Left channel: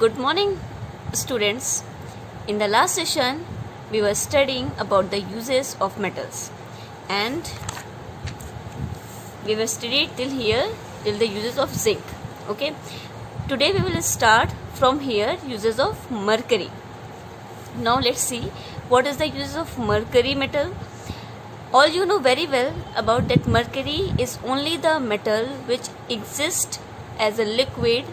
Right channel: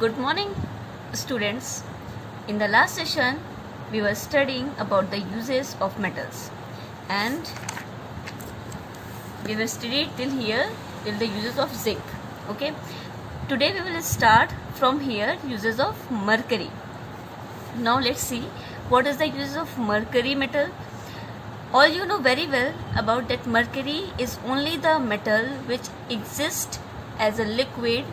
Good morning, students. In the last session, we were studying about the uses of metals, and we were studied till the uses of zinc. Okay. Today we will start from here uses of mercury. Now let's see what is the uses of mercury metal. All you know very well about that mercury is only the metal which exists as a liquid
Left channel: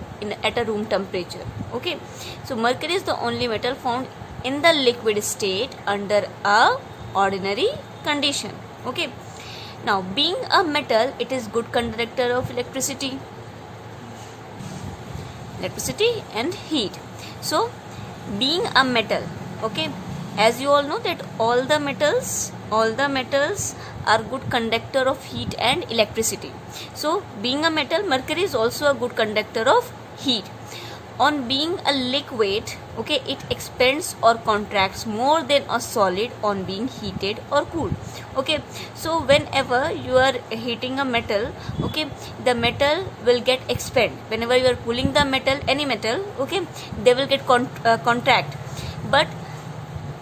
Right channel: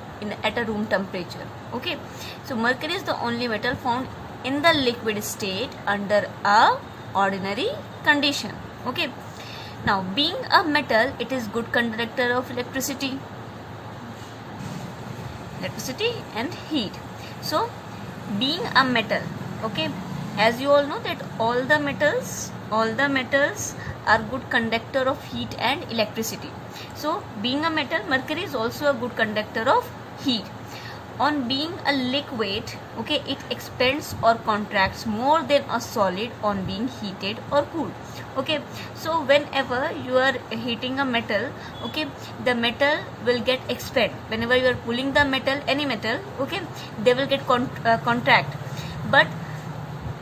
at a room temperature. Okay, so mercury is the only metal found in the liquid state under a ordinary condition. Okay, now being a metal, it is good conductor of electricity and heat. So being a metal, okay, as you all know that all the metals are good conductor of heat and electricity. So being a metal, mercury is also a good conductor of heat. On being a liquid, okay, it expands or contracts more than a solid on being heated or cooled. Okay, so whenever you are heating a metal, okay, the metal will get expand. Whenever you are cooling the metal, any metal, okay, they will get contract. But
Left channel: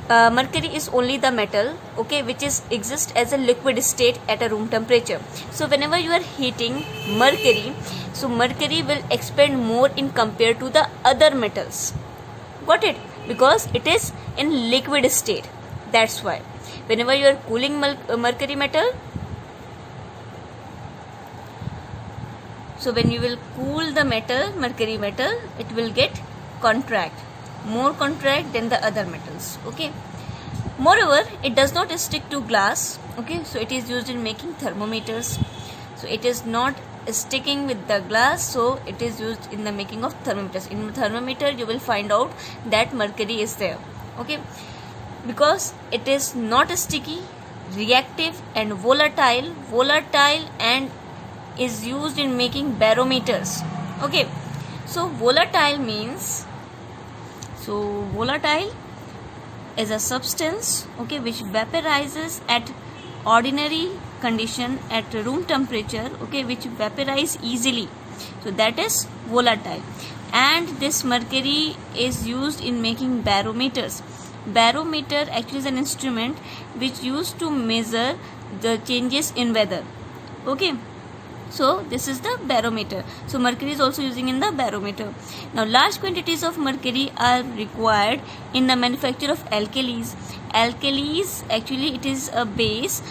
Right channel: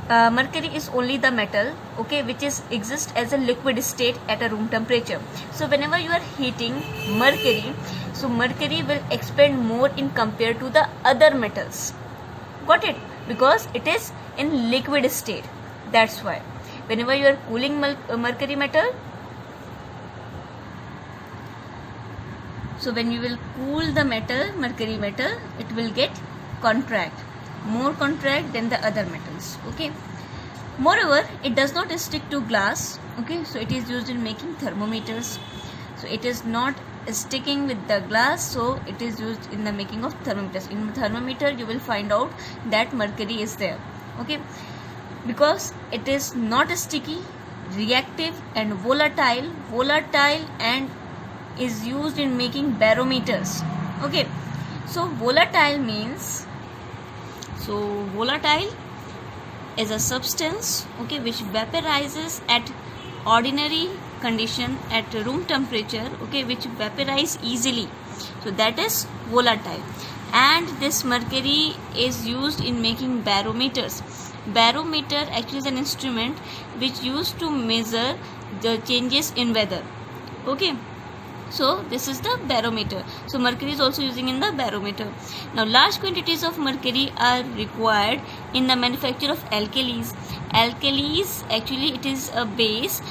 mercury is only the metal, okay, which exists as a liquid state at a room temperature. So whenever you are heating mercury, so mercury will expand more in compared to the other metals. Got it? Because it is in liquid state. That's why whenever you are cooling mercury metal, so when you will cool the mercury metal, it will get more contract than the other metals. Okay, moreover, it does not stick to glass. Okay, so it is used in making thermometers. So it is not sticking with the glass, so it is used in the making of thermometers. In thermometer you will find out that mercury is there. Okay, because it is not sticky, reactive and volatile and is used in making barometers. Okay, so volatile is a substance, okay, which vaporizes at ordinary condition at room temperature, okay, which vaporize easily. So that is volatile. And this mercury is used in making barometers. Barometer actually is an instrument which used to measure the changes in weather. Okay, so this is the barometer. So mercury is also using in the barometer. Now large quantities of mercury are required in the manufacture of alkalis. Alkalis, actually it is a base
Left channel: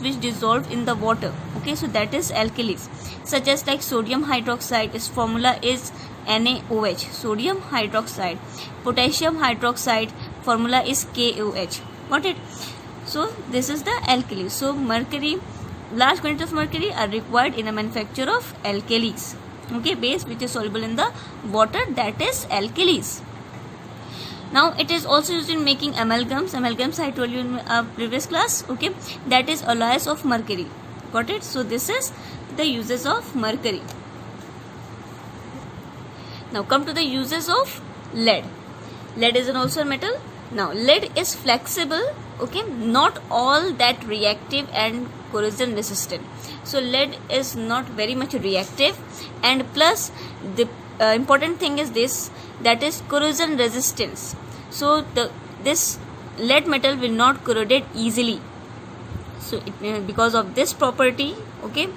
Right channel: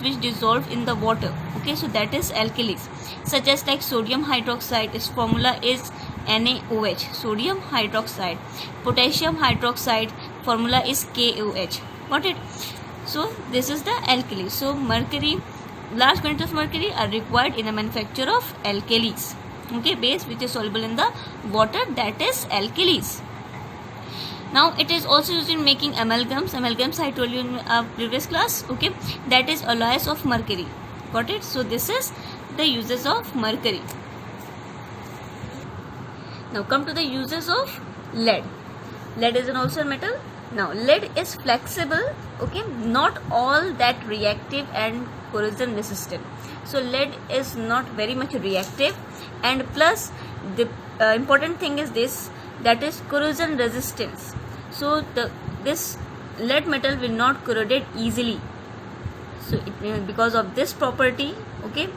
which dissolved in the water. Okay, so that is alkalis, such as like sodium hydroxide. Its formula is NaOH, sodium hydroxide. Potassium hydroxide, formula is KOH. Got it? So this is the alkali. So mercury, large quantities of mercury are required in the manufacture of alkalis. Okay, base which is soluble in the water, that is alkalis. Now it is also used in making amalgams. Amalgams I told you in our previous class. Okay, that is alloys of mercury. Got it? So this is the uses of mercury. Now come to the uses of lead. Lead is also a metal. Now lead is flexible, okay, not all that reactive and corrosion resistant. So lead is not very much reactive, and plus the important thing is this, that is corrosion resistance. So this lead metal will not corrode easily. So because of this property, okay,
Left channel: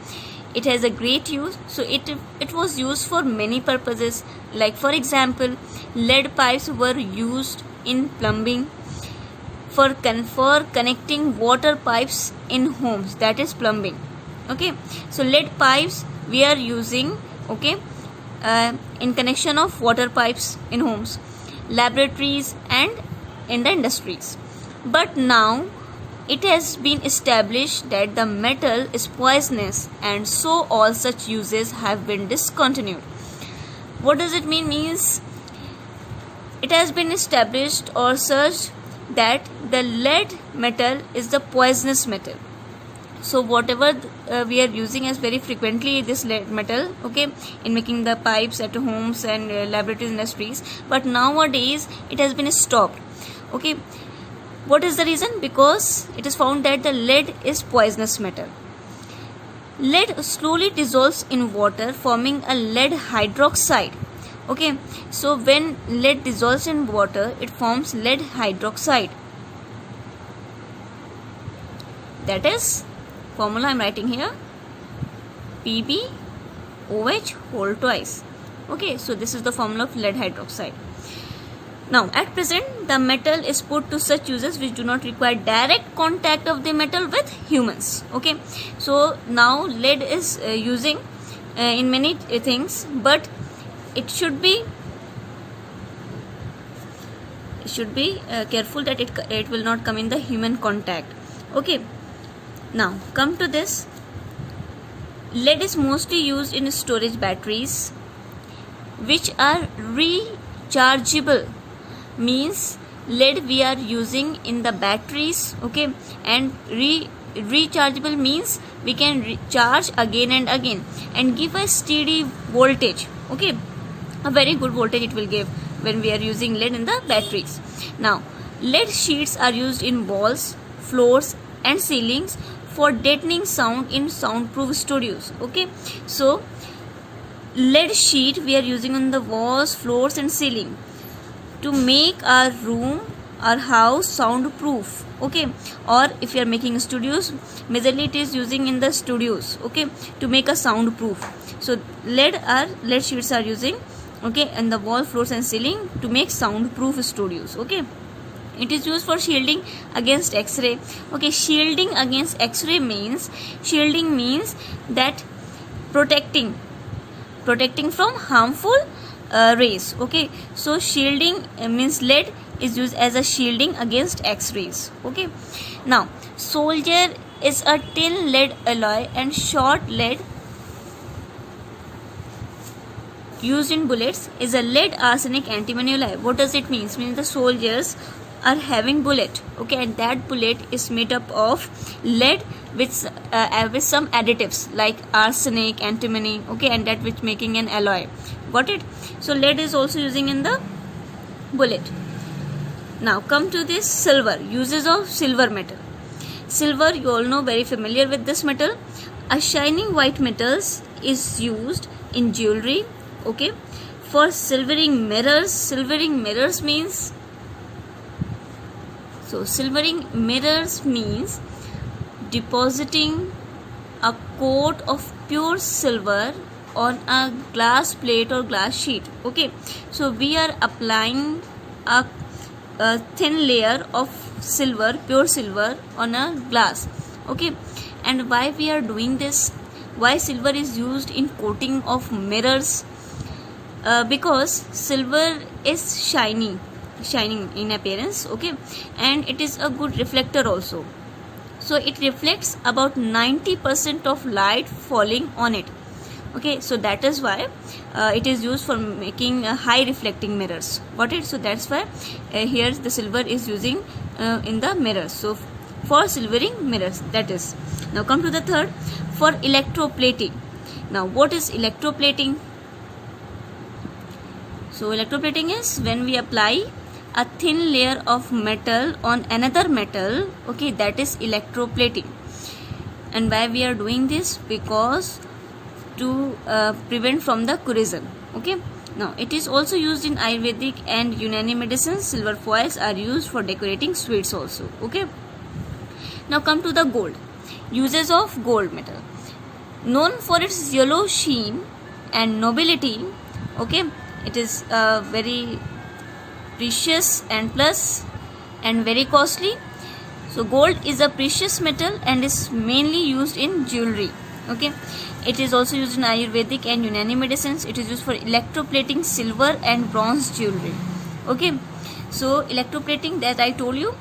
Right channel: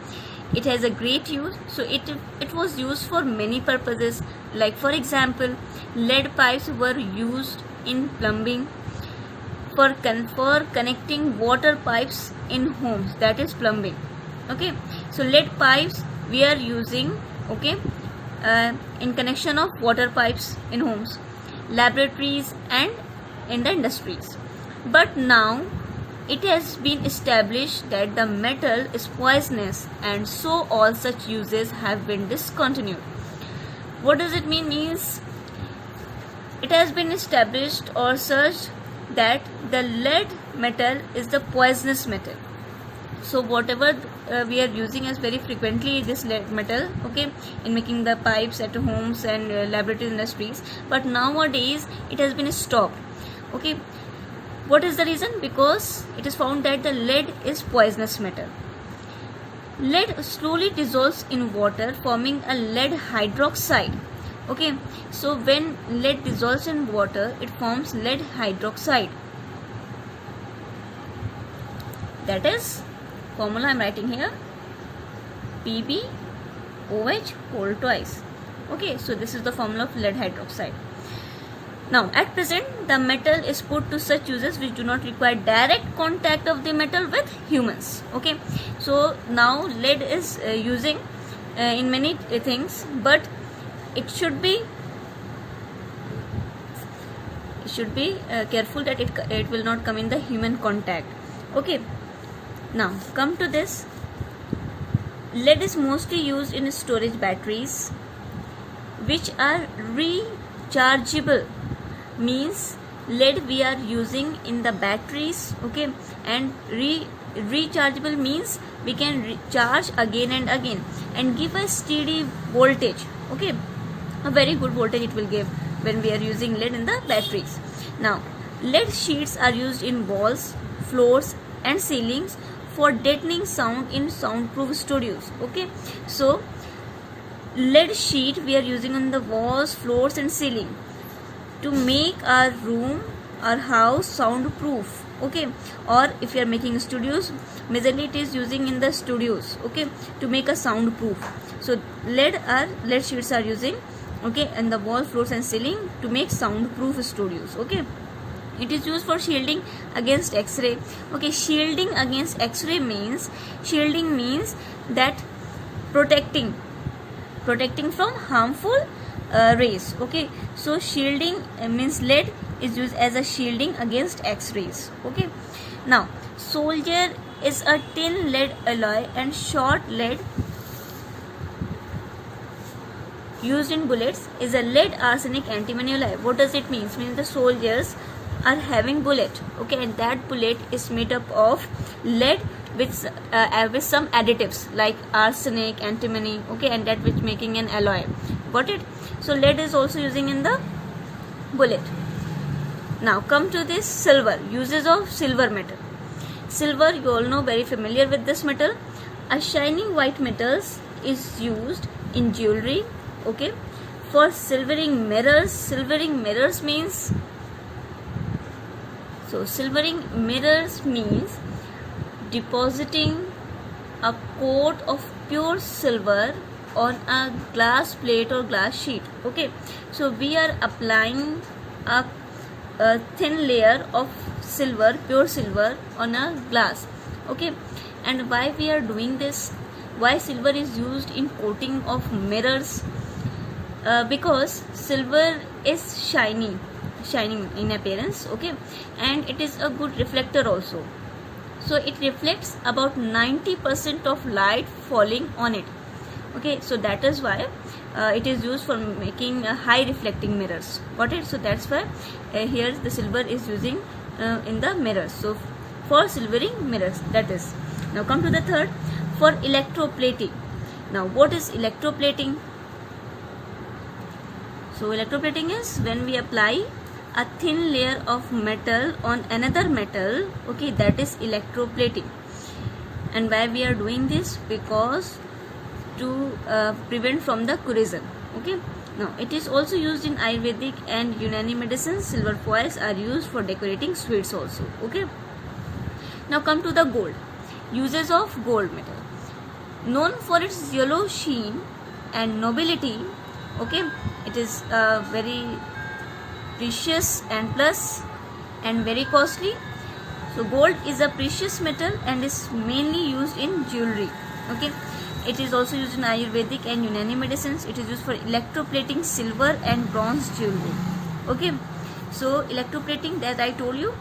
it has a great use. So it was used for many purposes. Like for example, lead pipes were used in plumbing, for connecting water pipes in homes, that is plumbing. Okay, so lead pipes we are using, okay, in connection of water pipes in homes, laboratories and in the industries. But now it has been established that the metal is poisonous, and so all such uses have been discontinued. What does it mean? Means it has been established or searched that the lead metal is the poisonous metal. So whatever we are using as very frequently this lead metal, okay, in making the pipes at homes and laboratories, industries, but nowadays it has been stopped. Okay, what is the reason? Because it is found that the lead is poisonous metal. Lead slowly dissolves in water, forming a lead hydroxide. Okay, so when lead dissolves in water, it forms lead hydroxide. That is formula I'm writing here, PbOH whole twice. Okay, so this is the formula of lead hydroxide. Now at present the metal is put to such uses which do not require direct contact of the metal with humans. Okay, so now lead is using in many things, but it should be careful that it will not come in the human contact. Okay, now come to this. Lead is mostly used in storage batteries which are rechargeable. Means lead we are using in the batteries, okay, and rechargeable means we can recharge again and again and give a steady voltage. Okay, a very good voltage it will give when we are using lead in the batteries. Now lead sheets are used in walls, floors and ceilings for deadening sound in soundproof studios. Okay, so lead sheet we are using on the walls, floors and ceiling to make our room, our house soundproof. Okay, or if you are making studios, majorly it is using in the studios, okay, to make a soundproof. So lead sheets are using, okay, in the wall, floors and ceiling to make soundproof studios. Okay, it is used for shielding against X-ray. Okay, shielding against X-ray means that protecting from harmful rays. Okay, so shielding means lead is used as a shielding against X-rays. Okay, now soldier is a tin lead alloy and short lead used in bullets is a lead arsenic antimony alloy. What does it mean? It means the soldiers are having bullet, okay, and that bullet is made up of lead with some additives like arsenic, antimony, okay, and that which making an alloy. Got it? So lead is also using in the bullet. Now come to this silver, uses of silver metal. Silver, you all know, very familiar with this metal. A shining white metals is used in jewelry, okay, for silvering mirrors. Silvering mirrors means depositing a coat of pure silver on a glass plate or glass sheet. Okay, so we are applying a thin layer of silver, pure silver, on a glass. Okay, and why we are doing this? Why silver is used in coating of mirrors? Because silver is shining in appearance, okay, and it is a good reflector also. So it reflects about 90% of light falling on it. Okay, so that is why it is used for making high reflecting mirrors. Got it? So that's why here the silver is using in the mirrors. So for silvering mirrors, that is. Now come to the third, for electroplating. Now what is electroplating? So electroplating is when we apply a thin layer of metal on another metal, okay, that is electroplating. And why we are doing this? Because to prevent from the corrosion. Okay, now it is also used in Ayurvedic and Unani medicines. Silver foils are used for decorating sweets also. Okay, now come to the gold, uses of gold metal. Known for its yellow sheen and nobility, okay, it is very precious and plus and very costly. So gold is a precious metal and is mainly used in jewelry. Okay, it is also used in Ayurvedic and Unani medicines. It is used for electroplating silver and bronze jewelry. Okay, so electroplating, that I told you.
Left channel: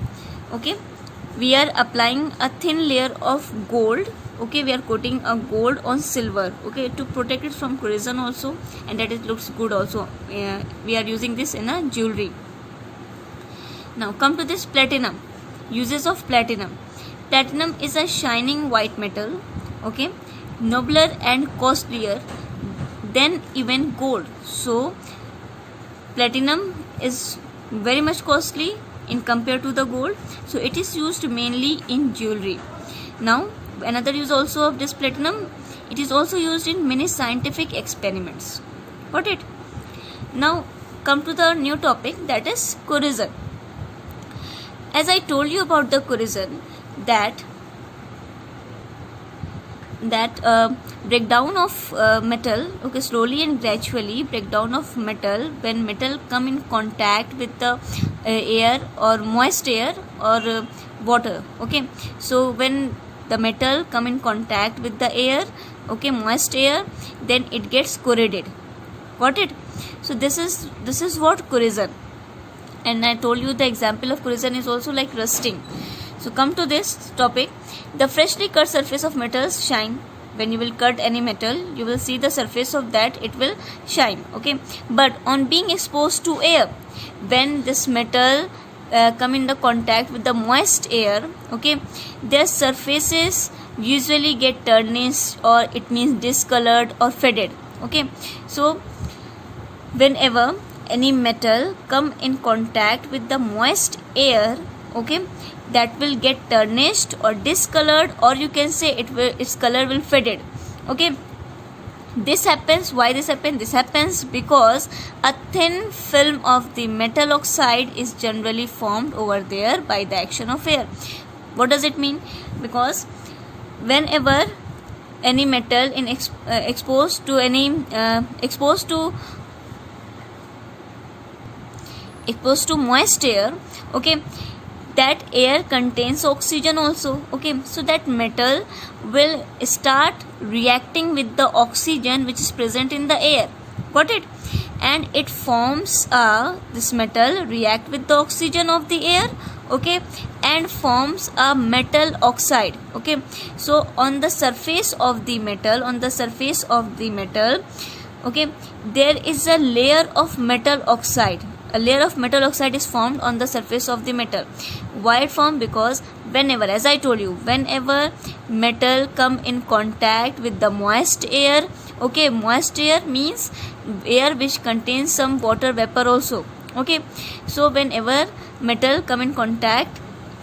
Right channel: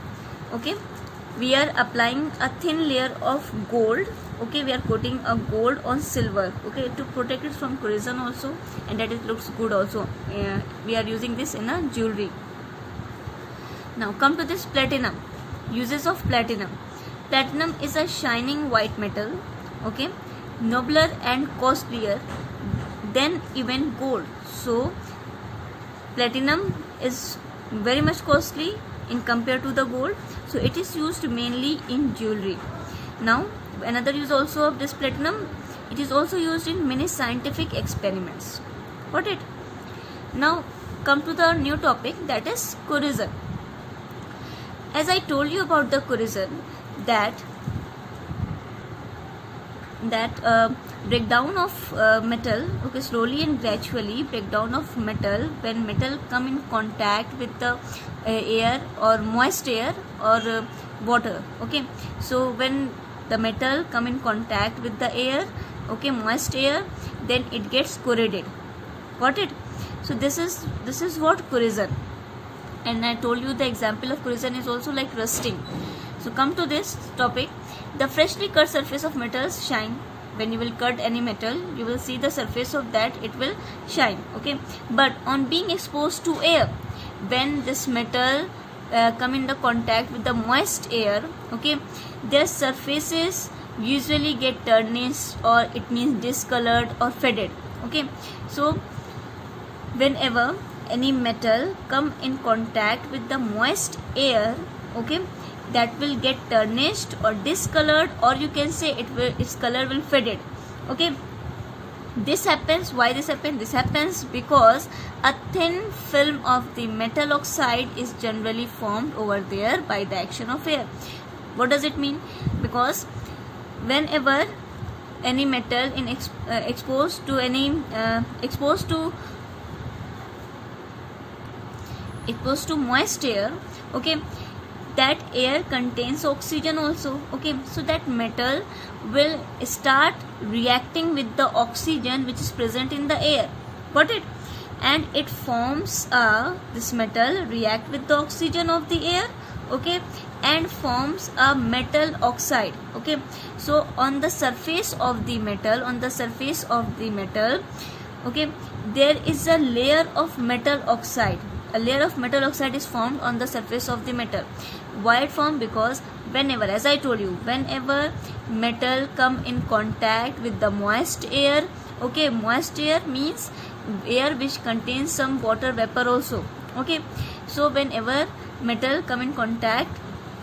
Okay, we are applying a thin layer of gold. Okay, we are coating a gold on silver, okay, to protect it from corrosion also, and that it looks good also. We are using this in a jewelry. Now come to this platinum, uses of platinum. Platinum is a shining white metal, okay, nobler and costlier than even gold. So platinum is very much costly in compared to the gold, so it is used mainly in jewelry. Now another use also of this platinum, it is also used in many scientific experiments. Got it? Now come to the new topic, that is corrosion. As I told you about the corrosion, that breakdown of metal, okay, slowly and gradually breakdown of metal when metal come in contact with the air or moist air or water. Okay, so when the metal come in contact with the air, okay, moist air, then it gets corroded. Got it? So this is what corrosion. And I told you the example of corrosion is also like rusting. So come to this topic. The freshly cut surface of metals shine. When you will cut any metal, you will see the surface of that, it will shine. Okay, but on being exposed to air, when this metal come in the contact with the moist air, okay, their surfaces usually get tarnished, or it means discolored or faded. Okay, so whenever any metal come in contact with the moist air, okay, that will get tarnished or discolored, or you can say its color will faded. Okay, this happens. Why this happens? This happens because a thin film of the metal oxide is generally formed over there by the action of air. What does it mean? Because whenever any metal in exposed to moist air, okay, that air contains oxygen also. Okay, so that metal will start reacting with the oxygen which is present in the air. Got it? And it forms this metal react with the oxygen of the air, okay, and forms a metal oxide. Okay, so on the surface of the metal, okay, there is a layer of metal oxide. A layer of metal oxide is formed on the surface of the metal. Why it formed? Because whenever, as I told you, whenever metal come in contact with the moist air, okay, moist air means air which contains some water vapor also. Okay, so whenever metal come in contact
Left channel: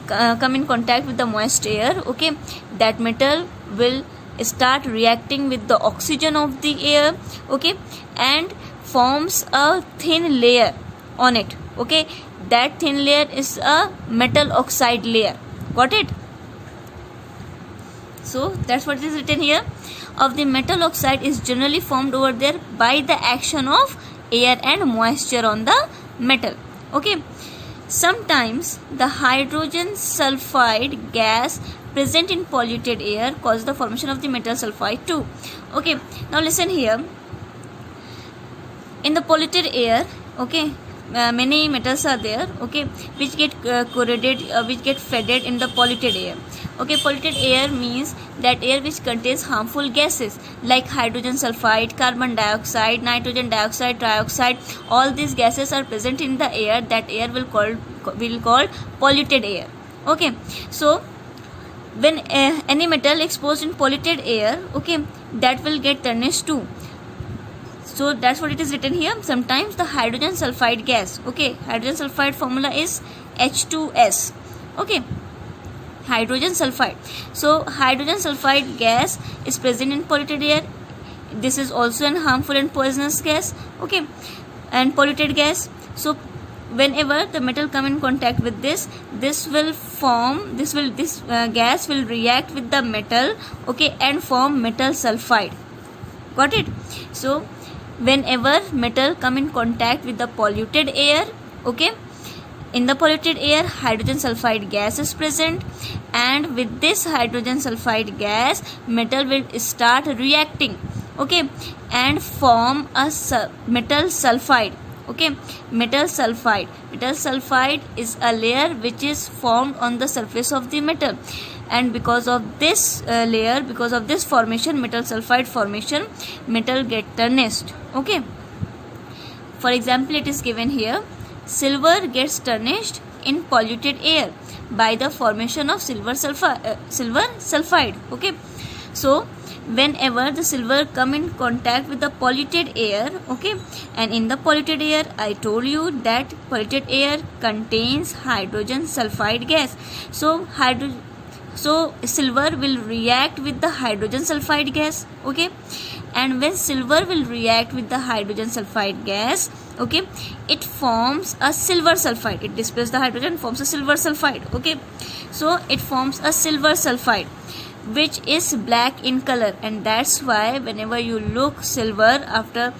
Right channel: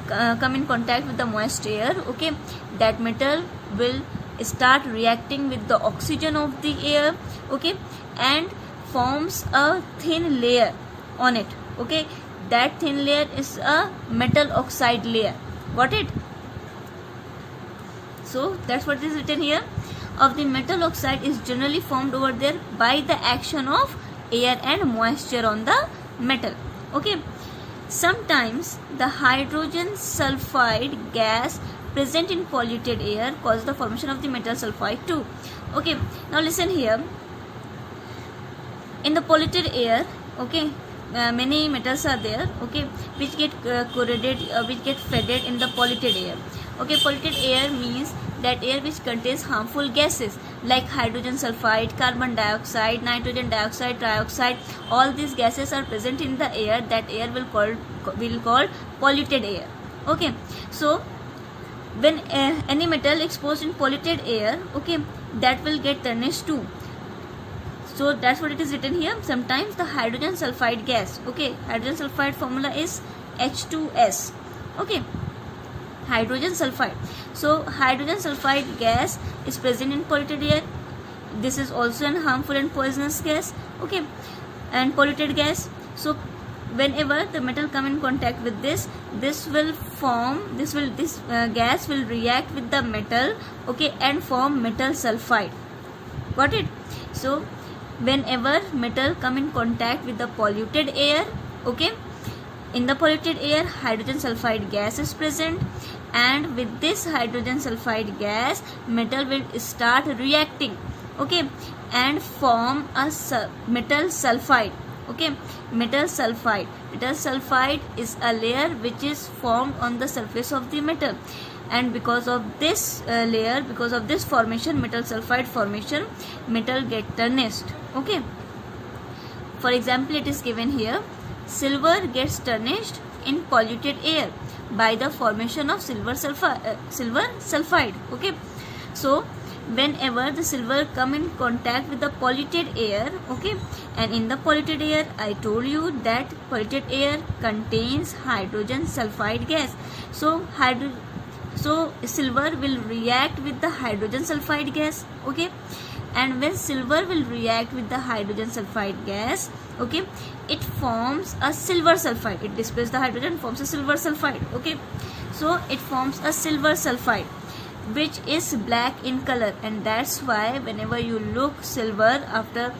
with the moist air, okay, that metal will start reacting with the oxygen of the air, okay, and forms a thin layer on it. Okay, that thin layer is a metal oxide layer. Got it? So that's what is written here. Of the metal oxide is generally formed over there by the action of air and moisture on the metal. Okay, sometimes the hydrogen sulfide gas present in polluted air causes the formation of the metal sulfide too. Okay, now listen here. In the polluted air, okay, many metals are there, okay, which get corroded, which get faded in the polluted air. Okay, polluted air means that air which contains harmful gases like hydrogen sulfide, carbon dioxide, nitrogen dioxide, trioxide. All these gases are present in the air. That air will call polluted air. Okay, so when any metal exposed in polluted air, okay, that will get tarnished too. So that's what it is written here. Sometimes the hydrogen sulfide gas, okay, hydrogen sulfide formula is H2S, okay, hydrogen sulfide. So hydrogen sulfide gas is present in polluted air. This is also an harmful and poisonous gas, okay, and polluted gas. So whenever the metal come in contact with this gas will react with the metal, okay, and form metal sulfide. Got it? So whenever metal come in contact with the polluted air, okay, in the polluted air hydrogen sulfide gas is present, and with this hydrogen sulfide gas metal will start reacting, okay, and form a metal sulfide. Okay, metal sulfide is a layer which is formed on the surface of the metal, and because of this layer, because of this formation, metal sulfide formation, metal get tarnished. Okay, for example, it is given here, silver gets tarnished in polluted air by the formation of silver sulfide. Okay, so whenever the silver come in contact with the polluted air, okay, and in the polluted air I told you that polluted air contains hydrogen sulfide gas. So silver will react with the hydrogen sulfide gas, okay, and when silver will react with the hydrogen sulfide gas, okay, it forms a silver sulfide. It displaces the hydrogen, forms a silver sulfide. Okay, so it forms a silver sulfide which is black in color, and that's why whenever you look silver after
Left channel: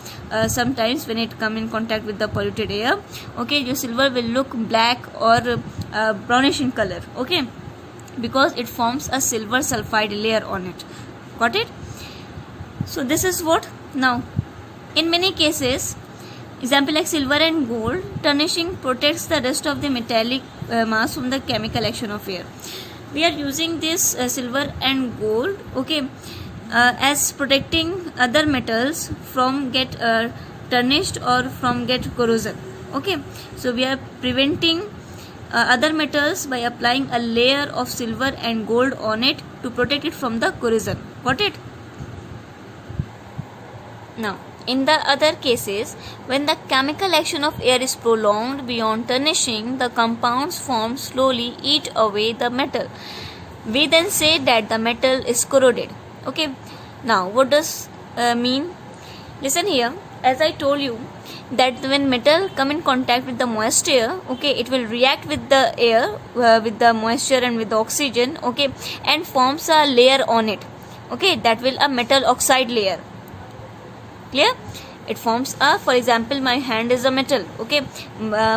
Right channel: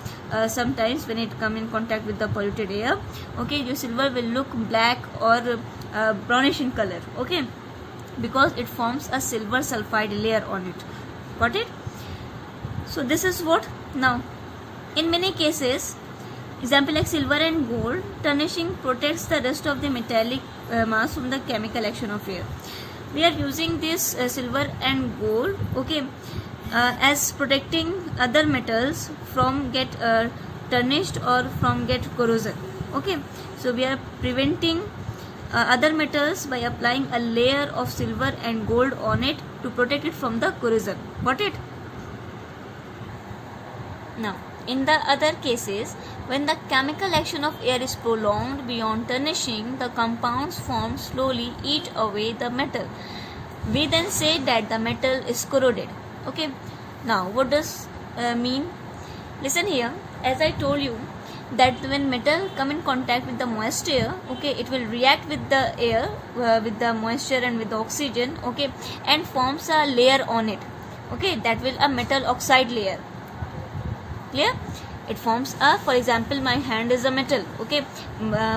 sometimes when it come in contact with the polluted air, okay, your silver will look black or brownish in color. Okay, because it forms a silver sulfide layer on it. Got it? So this is what. Now in many cases, example like silver and gold, tarnishing protects the rest of the metallic mass from the chemical action of air. We are using this silver and gold, okay, as protecting other metals from get tarnished or from get corrosion. Okay, so we are preventing other metals by applying a layer of silver and gold on it to protect it from the corrosion. Got it? Now in the other cases, when the chemical action of air is prolonged beyond tarnishing, the compounds formed slowly eat away the metal. We then say that the metal is corroded. Okay, now what does mean? Listen here, as I told you that when metal come in contact with the moist air, okay, it will react with the air, with the moisture and with the oxygen, okay, and forms a layer on it. Okay, that will a metal oxide layer. Clear? It forms a, for example, my hand is a metal. Okay,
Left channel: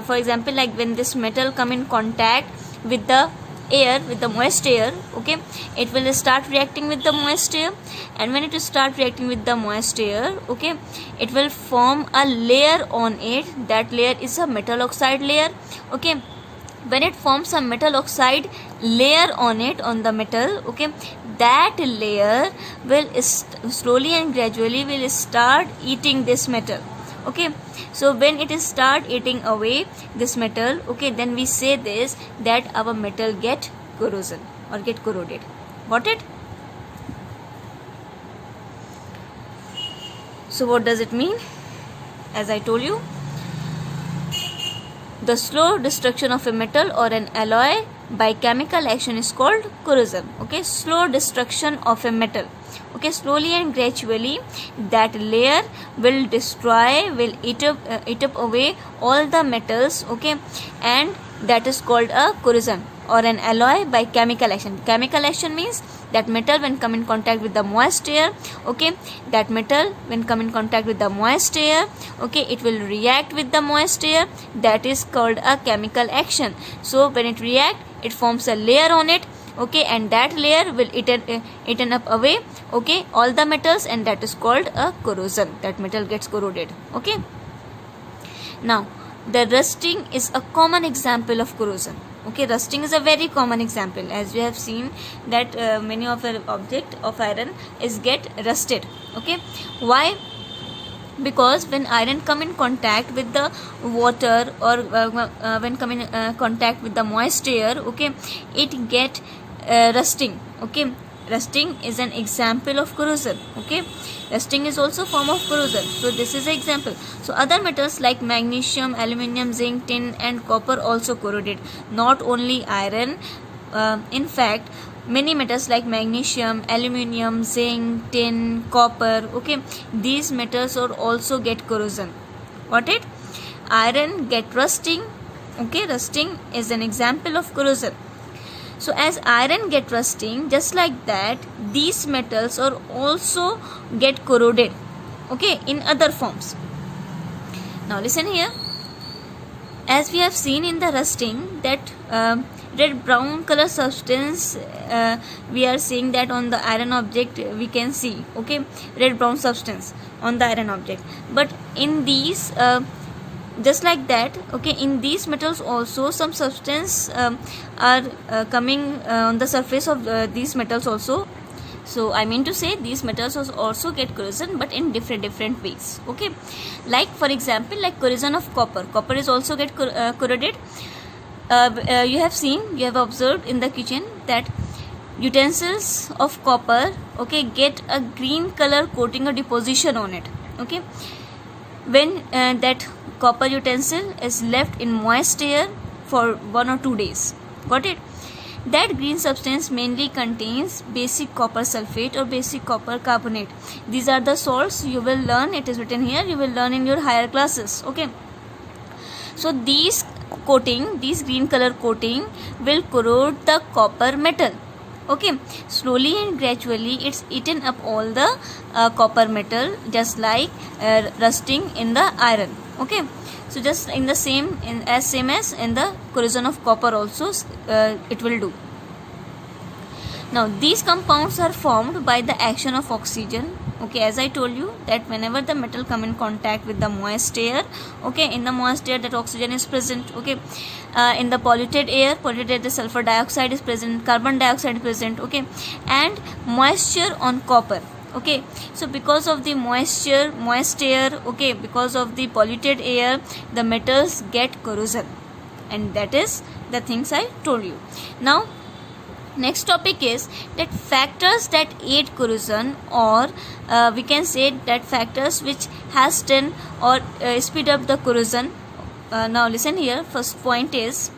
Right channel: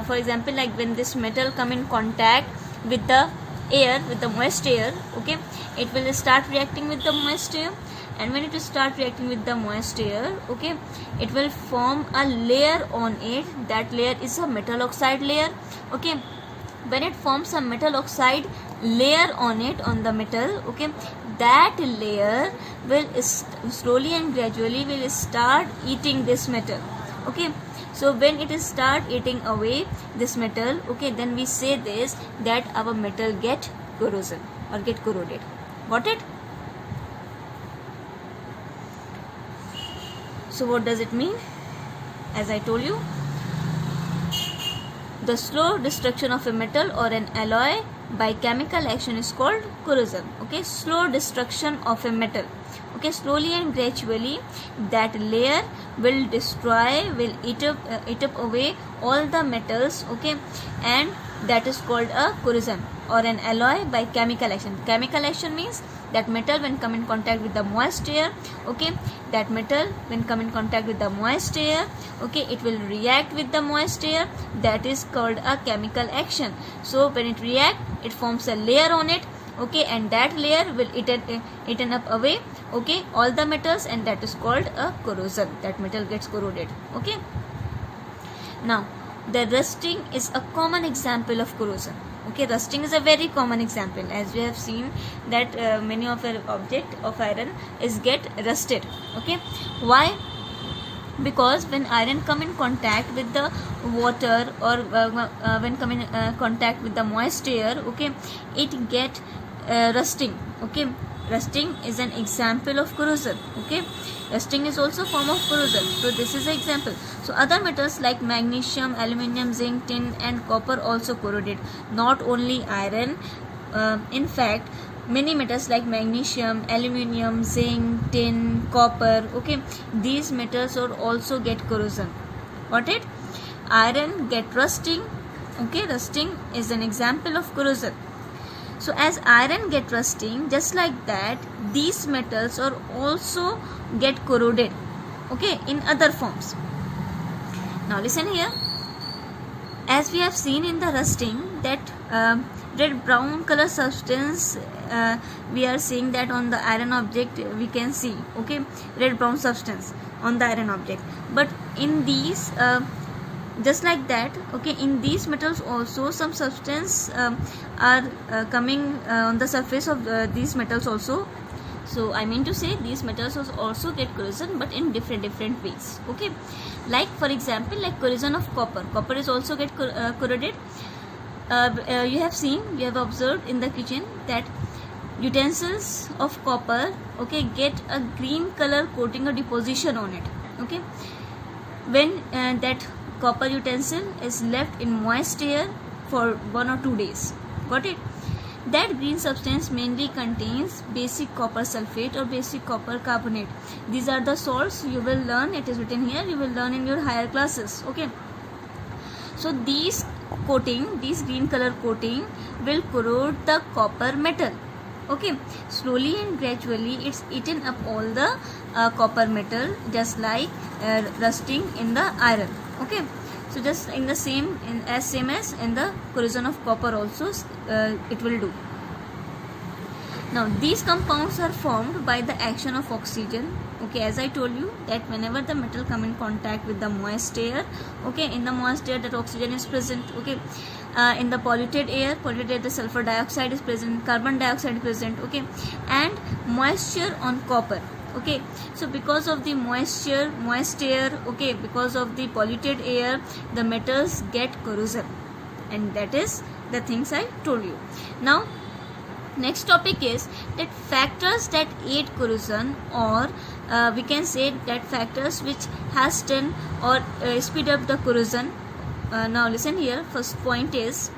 for example, like when this metal come in contact with the air, with the moist air, okay, it will start reacting with the moist air, and when it will start reacting with the moist air, okay, it will form a layer on it. That layer is a metal oxide layer. Okay, when it forms a metal oxide layer on it, on the metal, okay, that layer will slowly and gradually will start eating this metal. Okay, so when it is start eating away this metal, okay, then we say this that our metal get corrosion or get corroded. Got it? So what does it mean? As I told you, the slow destruction of a metal or an alloy by chemical action is called corrosion. Okay, slow destruction of a metal. Okay, slowly and gradually that layer will destroy, will eat up away all the metals. Okay, and that is called a corrosion or an alloy by chemical action. Chemical action means that metal when come in contact with the moist air, okay, that metal when come in contact with the moist air, okay, it will react with the moist air. That is called a chemical action. So when it react, it forms a layer on it, okay, and that layer will eaten up away, okay, all the metals, and that is called a corrosion. That metal gets corroded. Okay, now the rusting is a common example of corrosion. Okay, rusting is a very common example, as we have seen that many of the object of iron is get rusted. Okay, why? Because when iron come in contact with the water or when come in contact with the moist air, okay, it get rusting. Okay, rusting is an example of corrosion. Okay, rusting is also a form of corrosion. So this is an example. So other metals like magnesium, aluminium, zinc, tin and copper also corroded. Not only iron, in fact many metals like magnesium, aluminium, zinc, tin, copper, okay, these metals are also get corrosion. Got it? Iron get rusting. Okay, rusting is an example of corrosion. So as iron get rusting, just like that these metals are also get corroded, okay, in other forms. Now listen here, as we have seen in the rusting that red brown color substance, we are seeing that on the iron object we can see, okay, red brown substance on the iron object. But in these just like that, okay, in these metals also some substance are coming on the surface of these metals also. So I mean to say these metals also get corrosion, but in different ways. Okay, like for example, like corrosion of copper. Copper is also get corroded. You have seen, you have observed in the kitchen that utensils of copper, okay, get a green color coating or deposition on it. Okay, when that copper utensil is left in moist air for 1 or 2 days. Got it? That green substance mainly contains basic copper sulfate or basic copper carbonate. These are the salts you will learn. It is written here. You will learn in your higher classes. Okay. So these green color coating will corrode the copper metal. Okay, slowly and gradually it's eaten up all the copper metal, just like rusting in the iron. Okay, so just in the same as in the corrosion of copper also it will do. Now these compounds are formed by the action of oxygen. Okay, as I told you that whenever the metal come in contact with the moist air, okay, in the moist air that oxygen is present. Okay, in the polluted air the sulfur dioxide is present, carbon dioxide is present. Okay, and moisture on copper. Okay, so because of the moist air, okay, because of the polluted air, the metals get corrosion, and that is the things I told you. Now next topic is that factors that aid corrosion, or we can say that factors which hasten or speed up the corrosion. Now listen here. First point is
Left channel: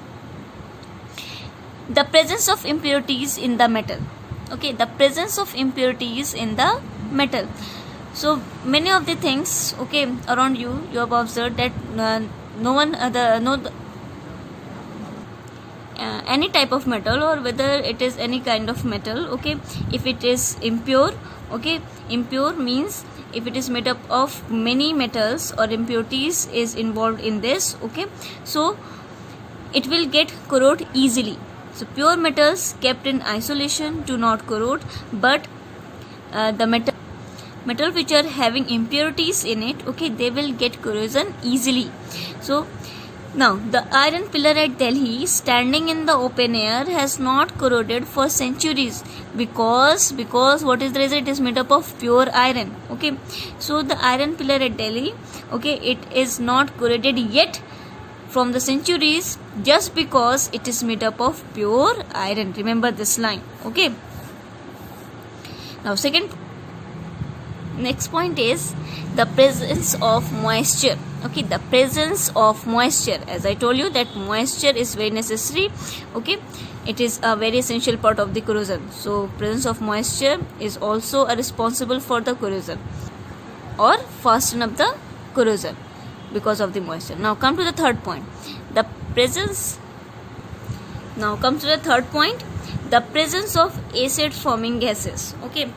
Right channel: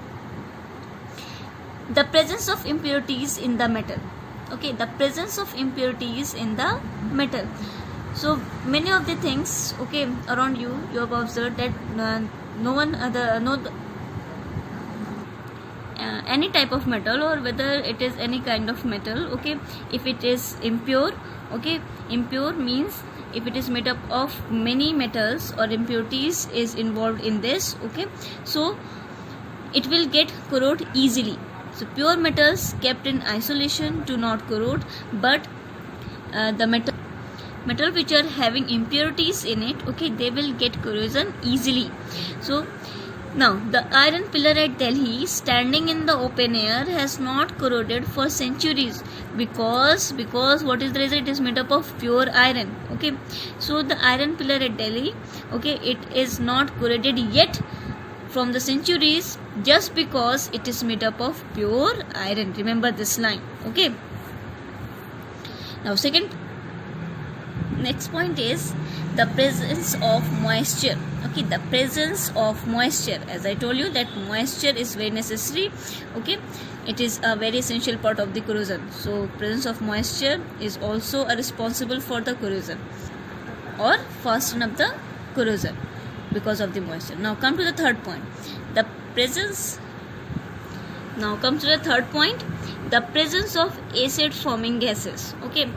the presence of impurities in the metal. Okay, the presence of impurities in the metal. So many of the things, okay, around you have observed that any type of metal, or whether it is any kind of metal, okay, if it is impure, okay, impure means if it is made up of many metals or impurities is involved in this, okay, so it will get corrode easily. So pure metals kept in isolation do not corrode, but the metal which are having impurities in it, okay, they will get corrosion easily. So now the iron pillar at Delhi standing in the open air has not corroded for centuries because what is the reason? It is made up of pure iron. Okay, so the iron pillar at Delhi, okay, it is not corroded yet from the centuries just because it is made up of pure iron. Remember this line. Okay, now next point is the presence of moisture. Okay, the presence of moisture, as I told you that moisture is very necessary. Okay, it is a very essential part of the corrosion. So presence of moisture is also responsible for the corrosion or fasten up the corrosion because of the moisture. Now come to the third point. The presence of acid forming gases. Okay,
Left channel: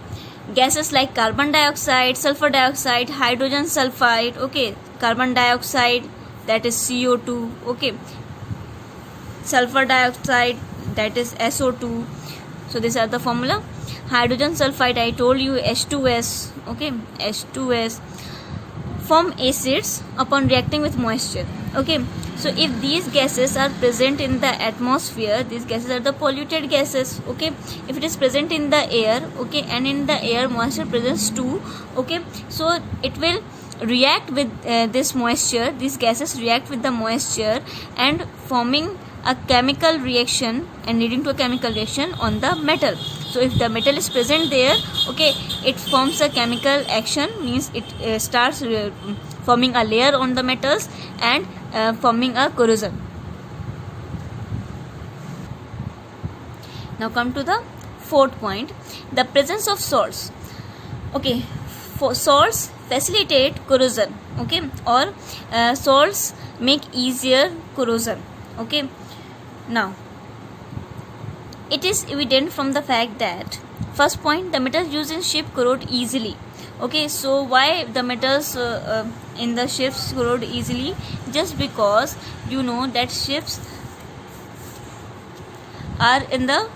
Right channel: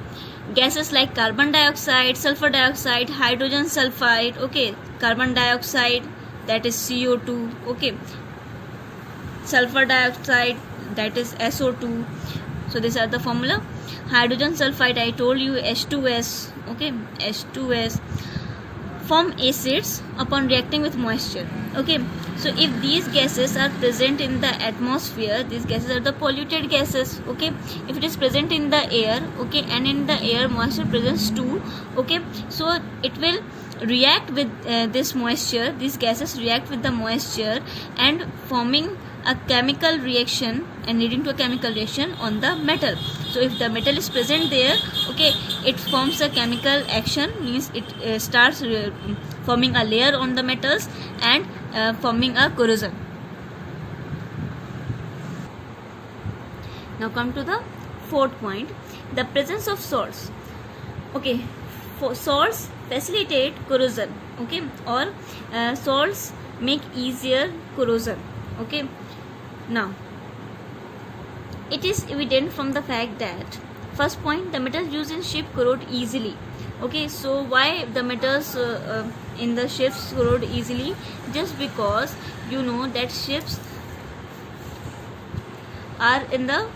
gases like carbon dioxide, sulfur dioxide, hydrogen sulfide, okay, carbon dioxide, that is CO2, okay, sulfur dioxide, that is SO2. So these are the formula. Hydrogen sulfide, I told you, H2S, okay, H2S, form acids upon reacting with moisture. Okay, so if these gases are present in the atmosphere, these gases are the polluted gases. Okay, if it is present in the air, okay, and in the air moisture presence too, okay, so it will react with this moisture. These gases react with the moisture and forming a chemical reaction and leading to a chemical reaction on the metal. So if the metal is present there, okay, it forms a chemical action, means it starts forming a layer on the metals and forming a corrosion. Now come to the fourth point, the presence of salts. Okay, salts facilitate corrosion, okay, or salts make easier corrosion. Okay, now it is evident from the fact that first point, the metals used in ship corrode easily. Okay, so why the metals in the ships corrode easily? Just because you know that ships are in the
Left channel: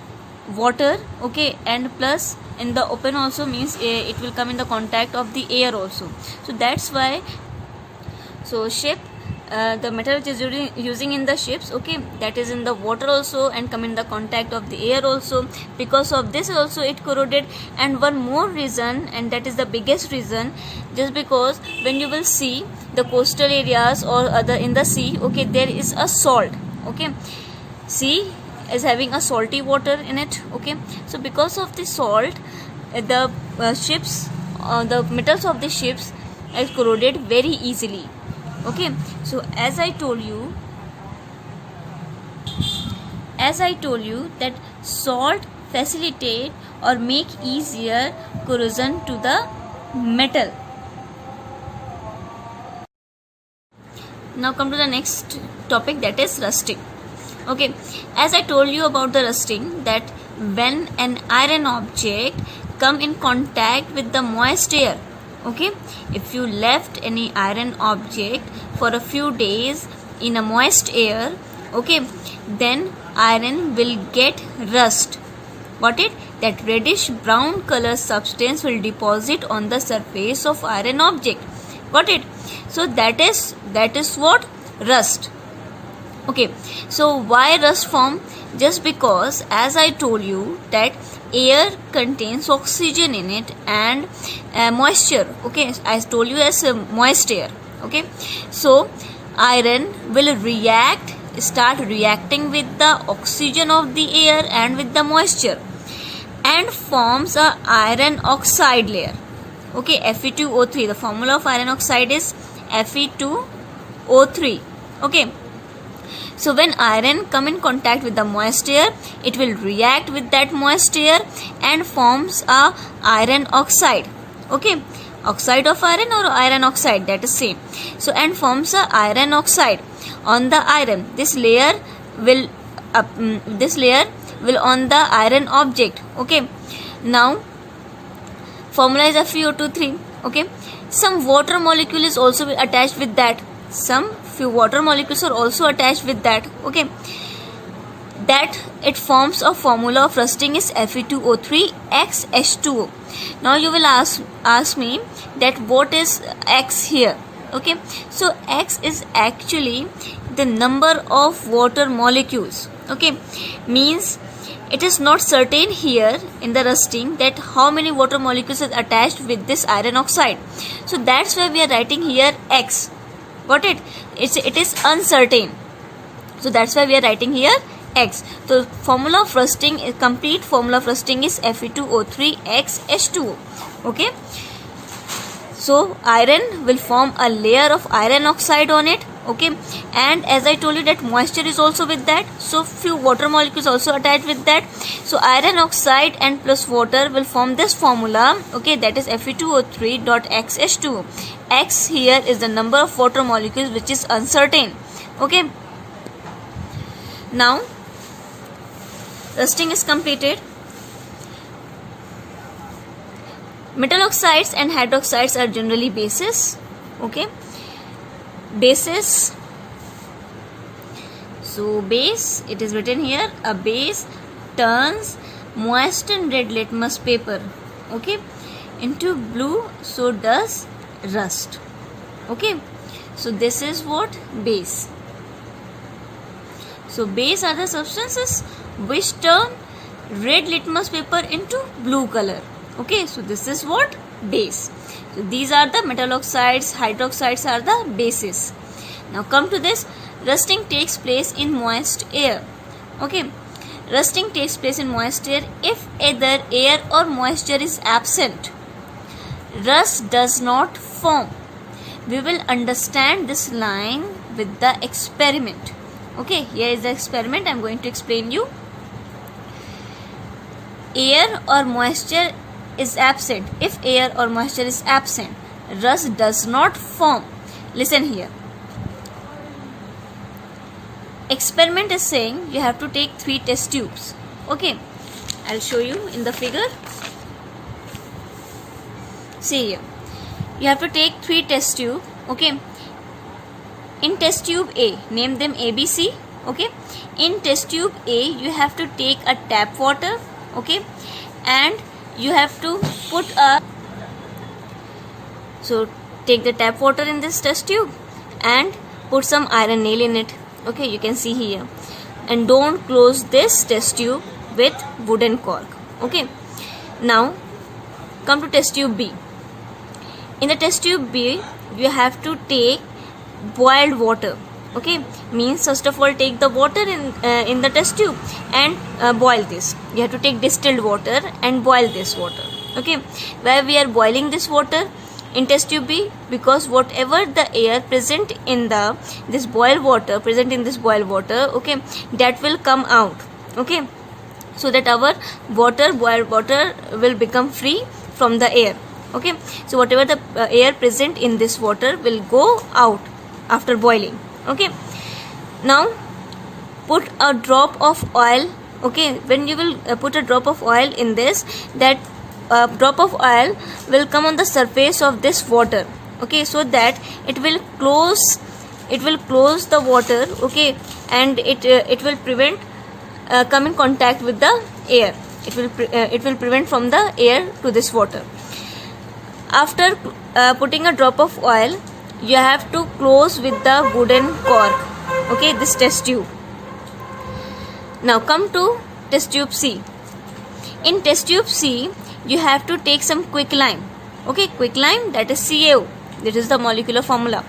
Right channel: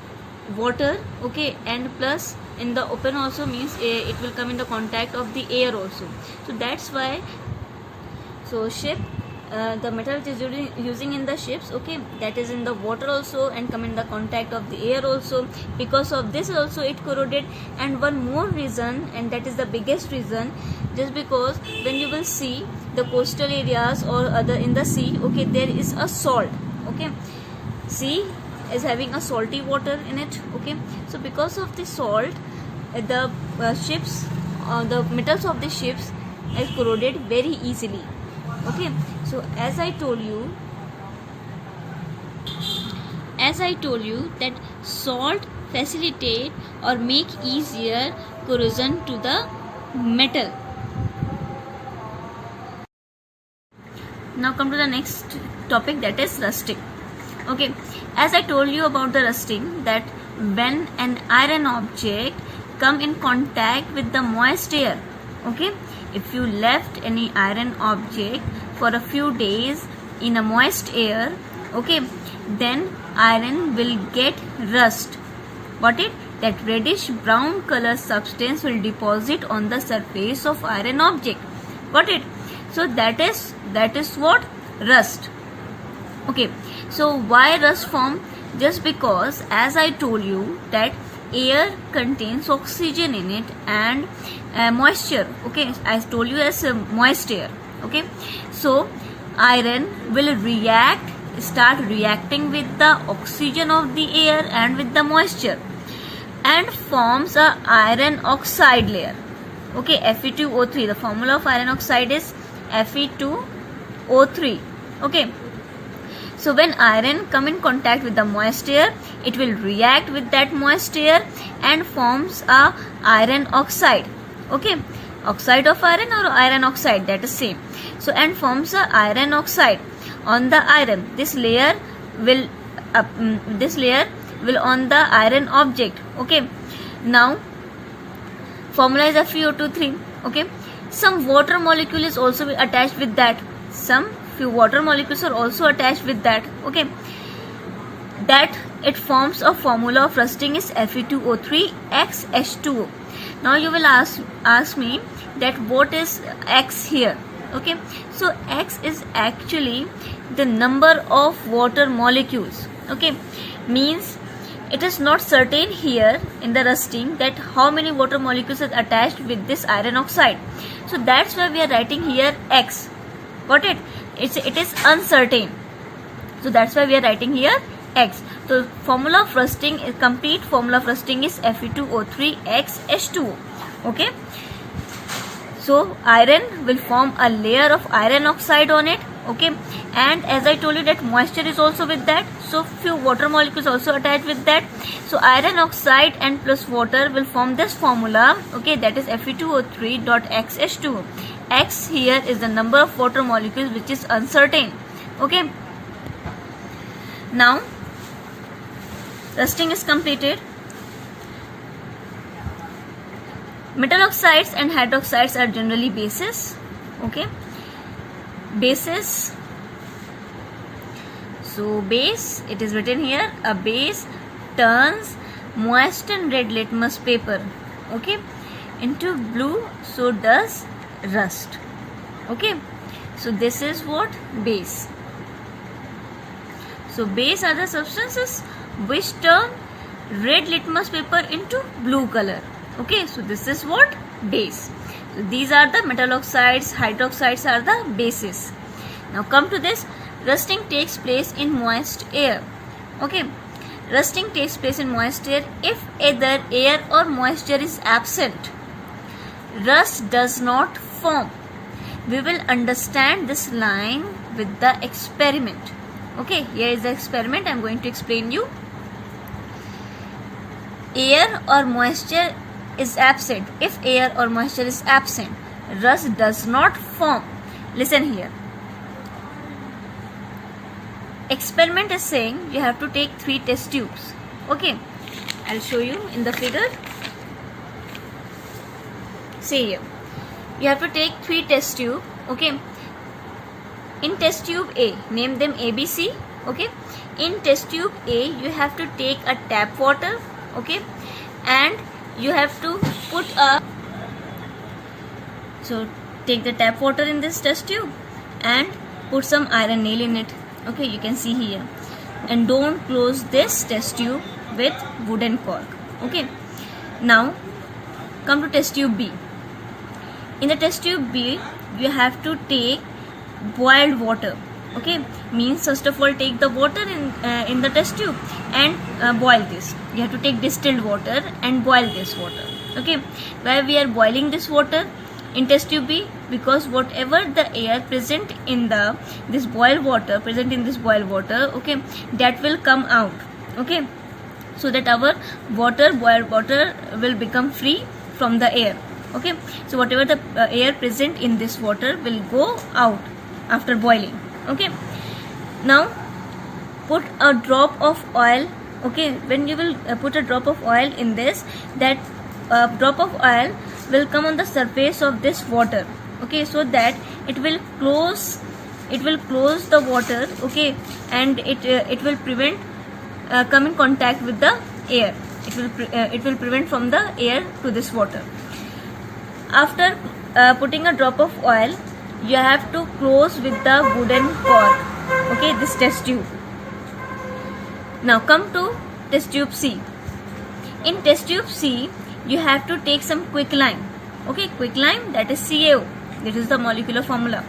water, okay, and plus in the open also, means it will come in the contact of the air also. So that's why, so ship, the metal which is using in the ships, okay, that is in the water also and come in the contact of the air also. Because of this also it corroded. And one more reason, and that is the biggest reason, just because when you will see the coastal areas or other in the sea, okay, there is a salt. Okay, sea is having a salty water in it. Okay, so because of the salt, the ships, the metals of the ships are corroded very easily. Okay, so as I told you that salt facilitate or make easier corrosion to the metal. Now come to the next topic, that is rusting. Okay, as I told you about the rusting, that when an iron object come in contact with the moist air, okay, if you left any iron object for a few days in a moist air, okay, then iron will get rust. Got it? That reddish brown color substance will deposit on the surface of iron object. Got it? So that is what? Rust. Okay, so why rust form? Just because, as I told you, that air contains oxygen in it and moisture. Okay, I told you as moist air. Okay, so iron will start reacting with the oxygen of the air and with the moisture, and forms a iron oxide layer. Okay, Fe2O3. The formula of iron oxide is Fe2O3. Okay, so when iron come in contact with the moist air, it will react with that moist air and forms a iron oxide. Okay, oxide of iron or iron oxide, that is same. So and forms a iron oxide on the iron. This layer will on the iron object. Okay, now formula is FeO2 3. Okay, some water molecule is also attached with that. Some few water molecules are also attached with that. Okay, that it forms a formula of rusting is Fe2O3 X H2O. Now you will ask me that what is X here. Okay, so X is actually the number of water molecules. Okay, means it is not certain here in the rusting that how many water molecules are attached with this iron oxide. So that's why we are writing here X. Got it? It is uncertain. So that's why we are writing here X. So formula of rusting, complete formula of rusting is Fe2O3 X H2O. Okay. So iron will form a layer of iron oxide on it. Okay, and as I told you that moisture is also with that, so few water molecules also attached with that. So iron oxide and plus water will form this formula. Okay, that is Fe2O3 dot XH2O. X here is the number of water molecules which is uncertain. Okay, now rusting is completed. Metal oxides and hydroxides are generally bases. Okay, bases. So base, it is written here, a base turns moistened red litmus paper, okay, into blue, so does rust. Okay, so this is what? Base. So base are the substances which turn red litmus paper into blue color. Okay, so this is what? Base. So these are the metal oxides, hydroxides are the bases. Now come to this, rusting takes place in moist air. Okay, rusting takes place in moist air if either air or moisture is absent. Rust does not form. We will understand this line with the experiment. Okay, here is the experiment. I am going to explain you. Air or moisture is absent. If air or moisture is absent, rust does not form. Listen here. Experiment is saying you have to take 3 test tubes. Okay, I'll show you in the figure. See here, you have to take 3 test tube. Okay, in test tube A, name them ABC. Okay, in test tube A you have to take a tap water. Okay, and you have to put a, so take the tap water in this test tube and put some iron nail in it. Okay, you can see here, and don't close this test tube with wooden cork. Okay, now come to test tube B. In the test tube B you have to take boiled water. Okay, means first of all take the water in the test tube and boil this. You have to take distilled water and boil this water. Okay, why we are boiling this water in test tube B? Because whatever the air present in this boiled water, okay, that will come out. Okay, so that our boiled water will become free from the air. Okay, so whatever the air present in this water will go out after boiling. Okay, now put a drop of oil. Okay, when you will put a drop of oil in this, that drop of oil will come on the surface of this water. Okay, so that it will close the water. Okay, and it will prevent come in contact with the air. It will prevent from the air to this water. After putting a drop of oil, you have to close with the wooden cork. Okay, this test tube. Now come to test tube C. In test tube C, you have to take some quicklime. Okay, quicklime, that is CaO. That is the molecular formula.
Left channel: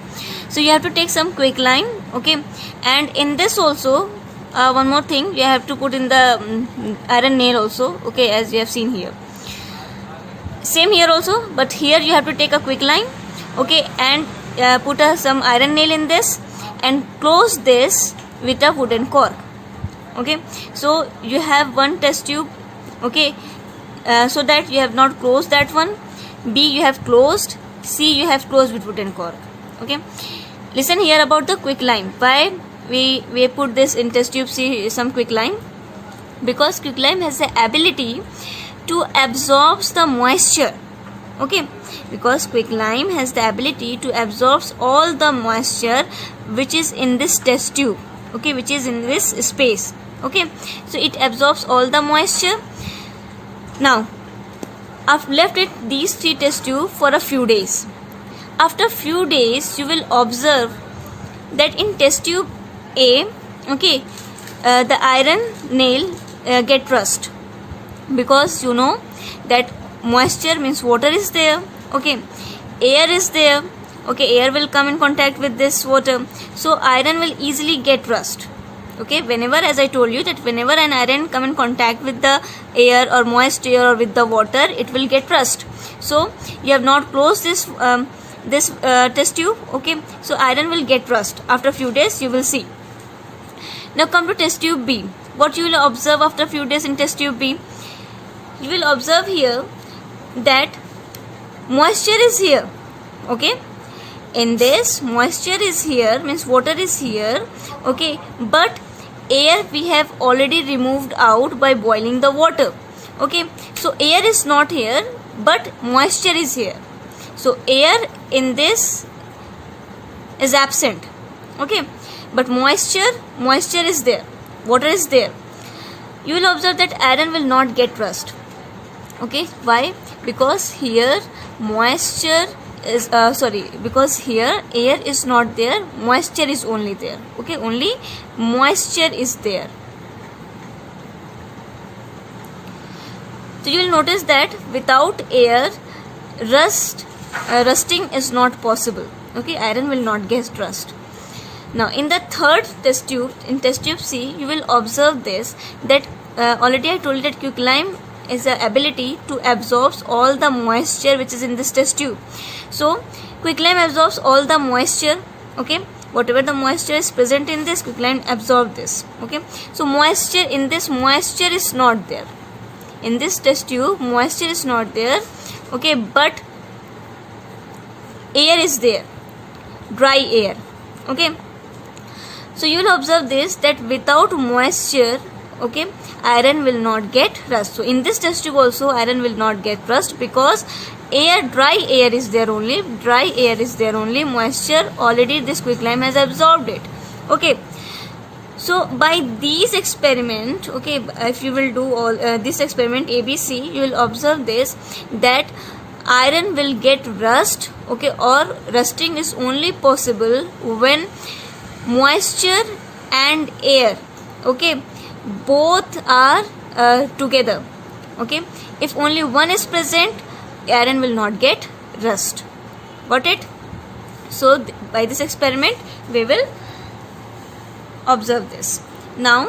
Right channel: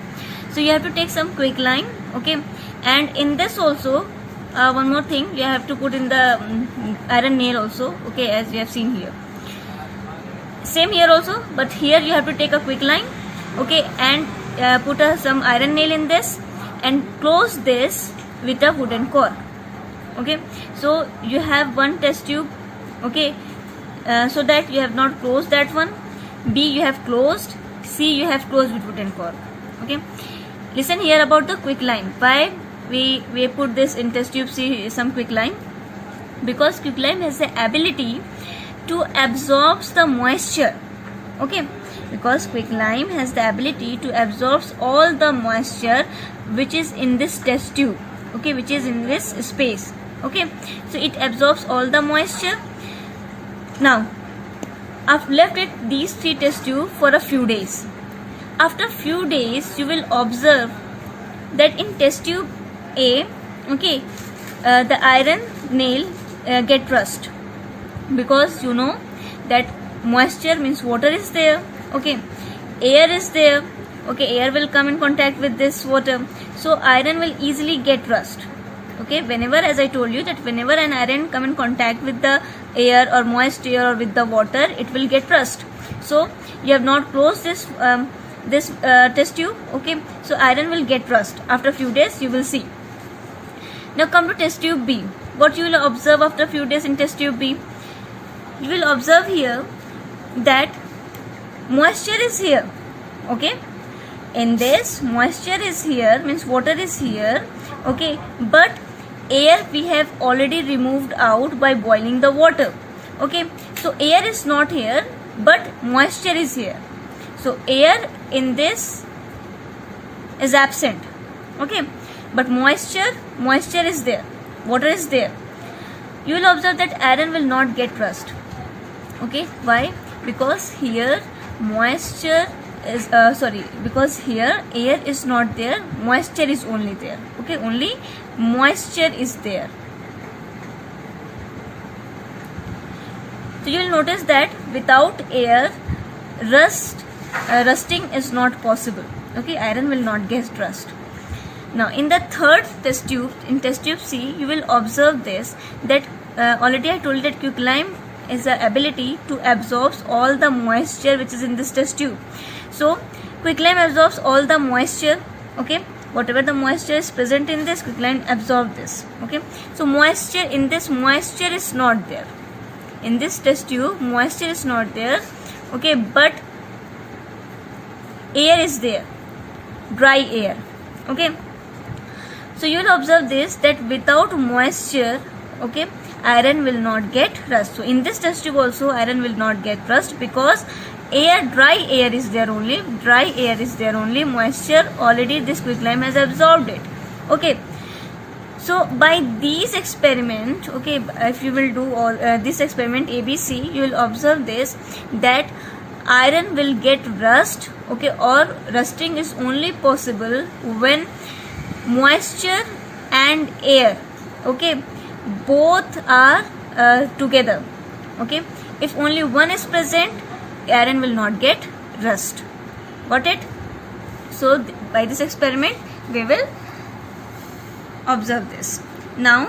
So you have to take some quicklime. Okay, and in this also, one more thing, you have to put in the iron nail also. Okay, as you have seen here. Same here also, but here you have to take a quicklime. Okay, and put some iron nail in this and close this with a wooden cork. Okay, so you have one test tube. Okay, so that you have not closed that one. B you have closed. C you have closed with wooden cork. Okay, listen here about the quicklime. Why we put this in test tube C, some quicklime? Because quicklime has the ability to absorb the moisture. Okay, because quicklime has the ability to absorb all the moisture which is in this test tube. Okay, which is in this space. Okay, so it absorbs all the moisture. Now I've left it these three test tube for a few days. After few days, you will observe that in test tube A, okay, the iron nail get rust, because you know that moisture means water is there. Okay, air is there. Okay, air will come in contact with this water, so iron will easily get rust. Okay, whenever, as I told you, that whenever an iron come in contact with the air or moist air or with the water, it will get rust. So you have not closed this test tube. Okay, so iron will get rust. After few days you will see. Now come to test tube B. What you will observe after few days in test tube B? You will observe here that moisture is here. Okay, in this moisture is here, means water is here. Okay, but air we have already removed out by boiling the water. Okay, so air is not here, but moisture is here. So air in this is absent. Okay, but moisture is there, water is there. You will observe that iron will not get rust. Okay, why? Because here moisture is because here air is not there, moisture is only there. Okay, only moisture is there. So you will notice that without air, rusting is not possible. Okay, iron will not get rust. Now in the third test tube, in test tube C, you will observe this, that already I told you that quicklime is the ability to absorb all the moisture which is in this test tube. So quicklime absorbs all the moisture. Okay, whatever the moisture is present in this, quicklime absorb this. Okay, so moisture in this, moisture is not there. In this test tube, moisture is not there. Okay, but air is there, dry air. Okay, so you will observe this, that without moisture, okay, iron will not get rust. So in this test tube also iron will not get rust, because air, dry air is there only, moisture already this quicklime has absorbed it. Okay, so by these experiment, okay, if you will do all this experiment ABC, you will observe this, that iron will get rust. Okay, or rusting is only possible when moisture and air, okay, both are together. Okay, if only one is present, iron will not get rust. Got it? So by this experiment we will observe this. Now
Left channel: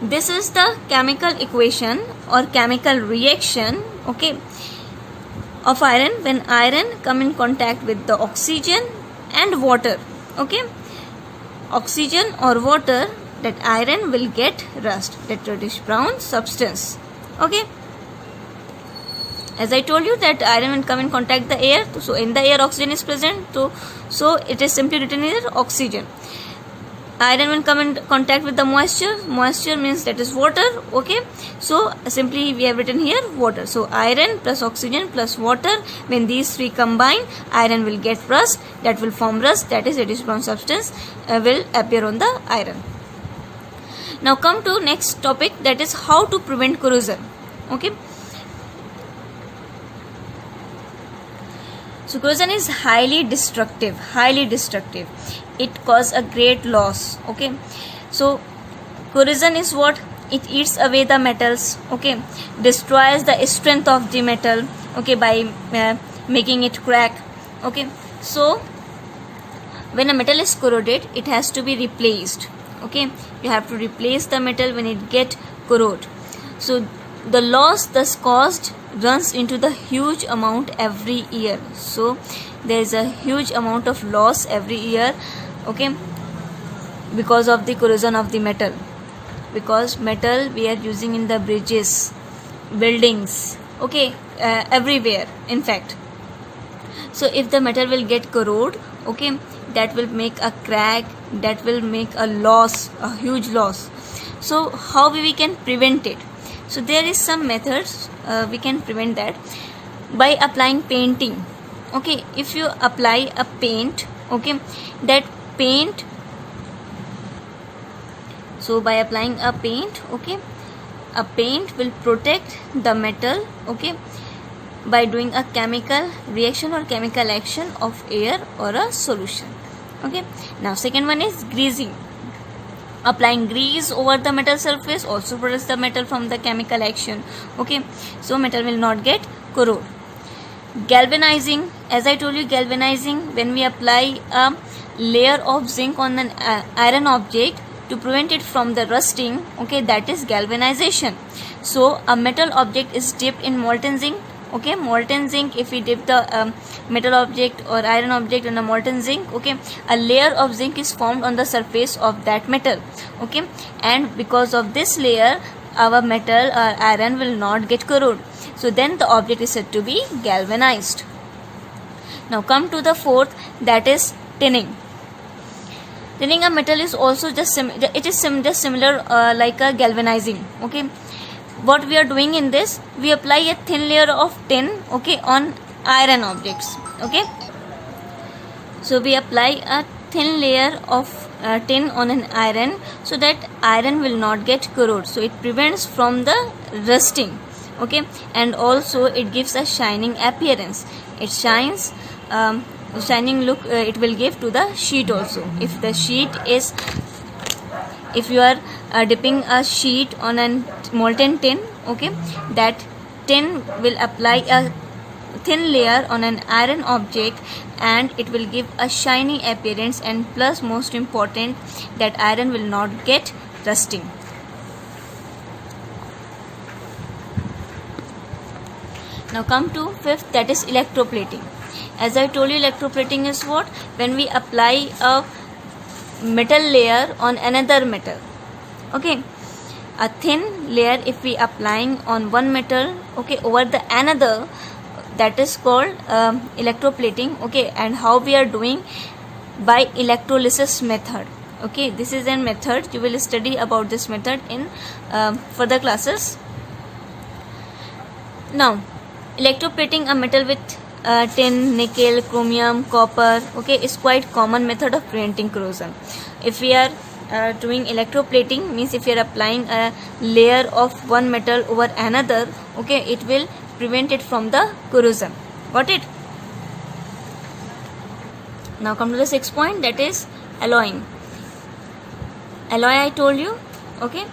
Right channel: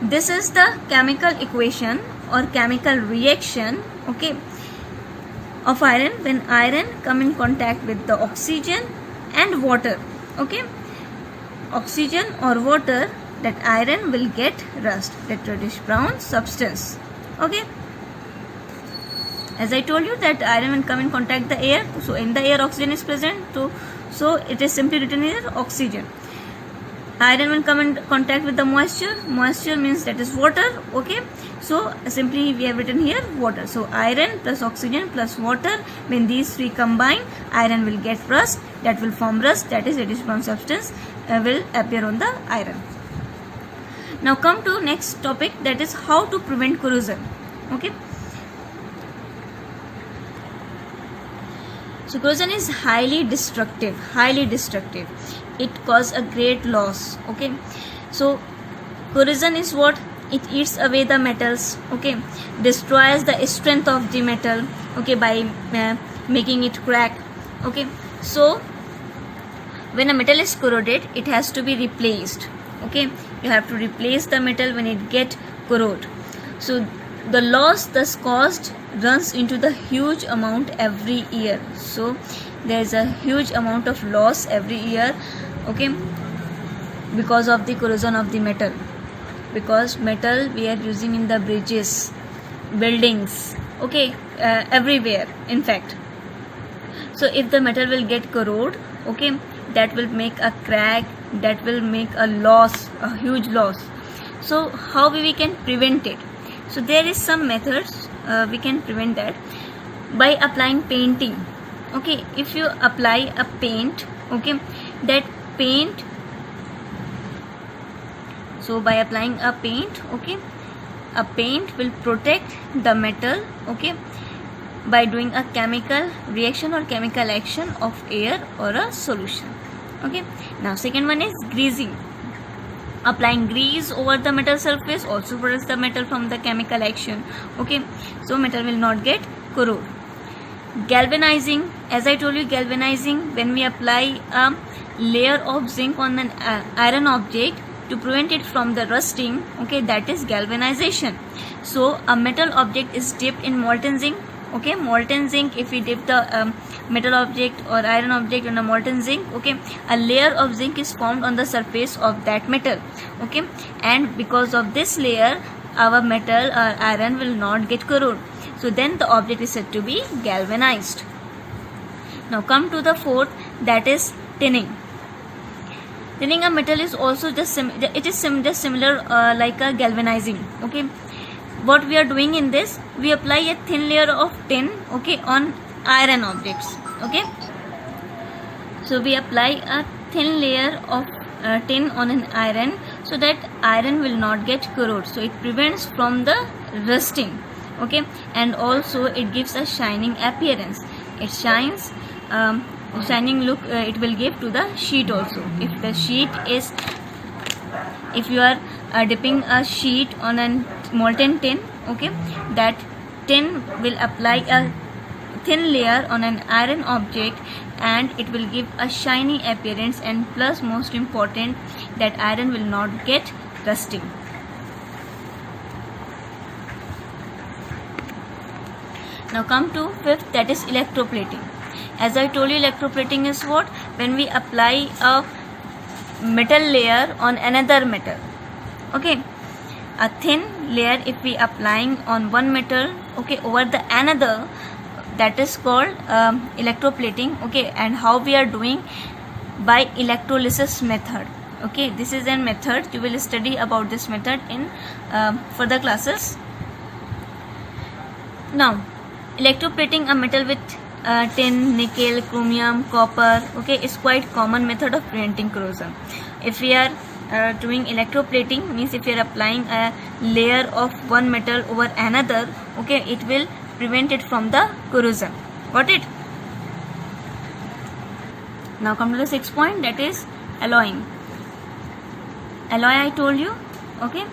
this is the chemical equation or chemical reaction, okay, of iron when iron come in contact with the oxygen and water. Okay, oxygen or water, that iron will get rust, that reddish brown substance. Okay, as I told you that iron will come in contact the air, so in the air oxygen is present, so it is simply written here oxygen. Iron will come in contact with the moisture means that is water. Okay, so simply we have written here water. So iron plus oxygen plus water, when these three combine, iron will get rust, that will form rust, that is reddish brown substance will appear on the iron. Now come to next topic, that is how to prevent corrosion. Okay, so corrosion is highly destructive. It causes a great loss. Okay, so corrosion is what? It eats away the metals. Okay, destroys the strength of the metal. Okay, by making it crack. Okay, so when a metal is corroded, it has to be replaced. Okay, you have to replace the metal when it get corroded. So the loss thus caused runs into the huge amount every year. So there is a huge amount of loss every year. Okay, because of the corrosion of the metal, because metal we are using in the bridges, buildings, okay, everywhere in fact. So if the metal will get corroded, okay, that will make a crack, that will make a loss, a huge loss. So how we can prevent it? So there is some methods we can prevent that by applying painting. Okay, if you apply a paint, okay, that paint, so by applying a paint, okay, a paint will protect the metal, okay, by doing a chemical reaction or chemical action of air or a solution. Okay, now second one is greasing. Applying grease over the metal surface also protects the metal from the chemical action. Okay, so metal will not get corroded. Galvanizing, as I told you, galvanizing, when we apply a layer of zinc on an iron object to prevent it from the rusting, okay, that is galvanization. So a metal object is dipped in molten zinc. Okay, molten zinc, if we dip the metal object or iron object in a molten zinc, okay, a layer of zinc is formed on the surface of that metal. Okay, and because of this layer, our metal or iron will not get corroded. So then the object is said to be galvanized. Now come to the fourth, that is tinning. Tinning a metal is also just similar like a galvanizing. Okay, what we are doing in this, we apply a thin layer of tin, okay, on iron objects. Okay, so we apply a thin layer of tin on an iron so that iron will not get corroded, so it prevents from the rusting. Okay, and also it gives a shining appearance. It shines, shining look it will give to the sheet also. If the sheet is, if you are dipping a sheet on a molten tin, okay, that tin will apply a thin layer on an iron object and it will give a shiny appearance, and plus most important, that iron will not get rusting. Now come to fifth, that is electroplating. As I told you, electroplating is what? When we apply a metal layer on another metal. Okay, a thin layer if we applying on one metal, okay, over the another, that is called electroplating. Okay, and how we are doing? By electrolysis method. Okay, this is a method, you will study about this method in further classes. Now electroplating a metal with tin, nickel, chromium, copper, okay, is quite common method of preventing corrosion. If we are doing electroplating, means if you are applying a layer of one metal over another, okay, it will prevent it from the corrosion. Got it? Now come to the sixth point, that is alloying. Alloy I told you. Okay,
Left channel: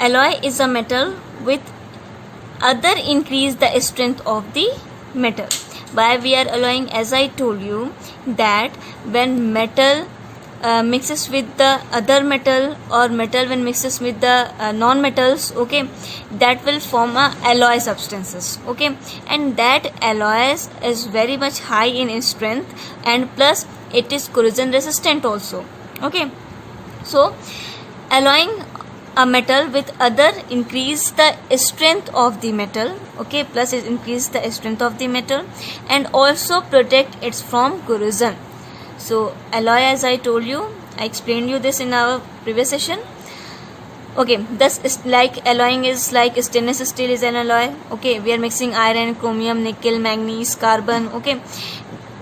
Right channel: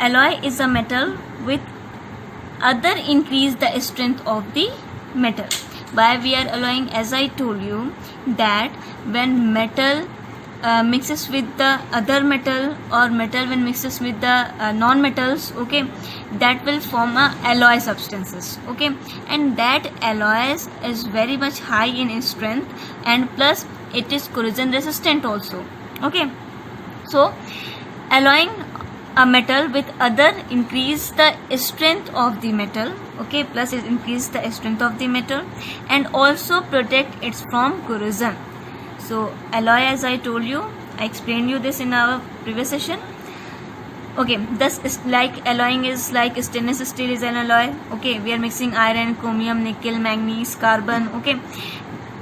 alloy is a metal with other increase the strength of the metal. Why we are alloying? As I told you, that when metal mixes with the other metal, or metal when mixes with the non-metals, okay, that will form a alloy substances. Okay, and that alloys is very much high in strength, and plus it is corrosion resistant also. Okay, so alloying a metal with other increase the strength of the metal, okay, plus it increase the strength of the metal and also protect it from corrosion. So alloy, as I told you, I explained you this in our previous session. Okay, thus is like alloying is like stainless steel is an alloy. Okay, we are mixing iron, chromium, nickel, manganese, carbon. Okay,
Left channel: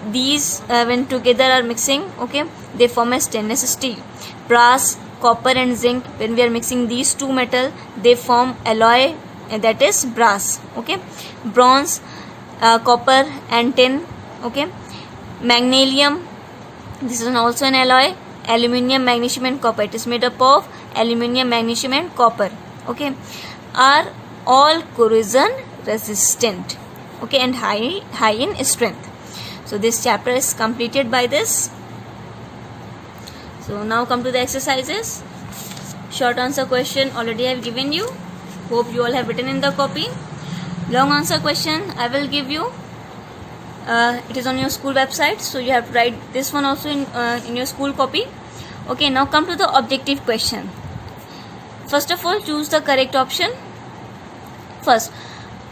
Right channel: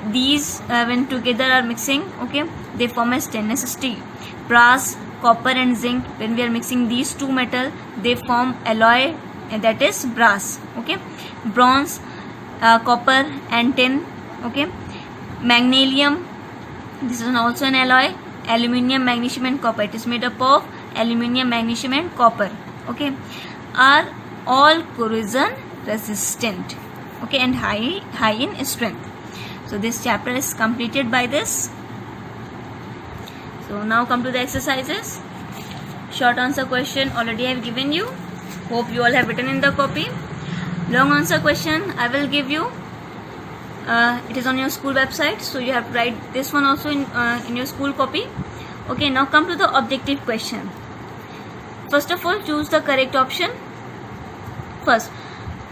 these when together are mixing, okay, they form a stainless steel. Brass, copper and zinc, when we are mixing these two metal, they form alloy, and that is brass. Okay, bronze, copper and tin. Okay, magnesium, this is also an alloy. Aluminium, magnesium and copper, it is made up of aluminium, magnesium and copper. Okay, are all corrosion resistant, okay, and high in strength. So this chapter is completed by this. So now come to the exercises. Short answer question already I have given you. Hope you all have written in the copy. Long answer question I will give you. It is on your school website, so you have to write this one also in your school copy. Okay, now come to the objective question. First of all, choose the correct option. First,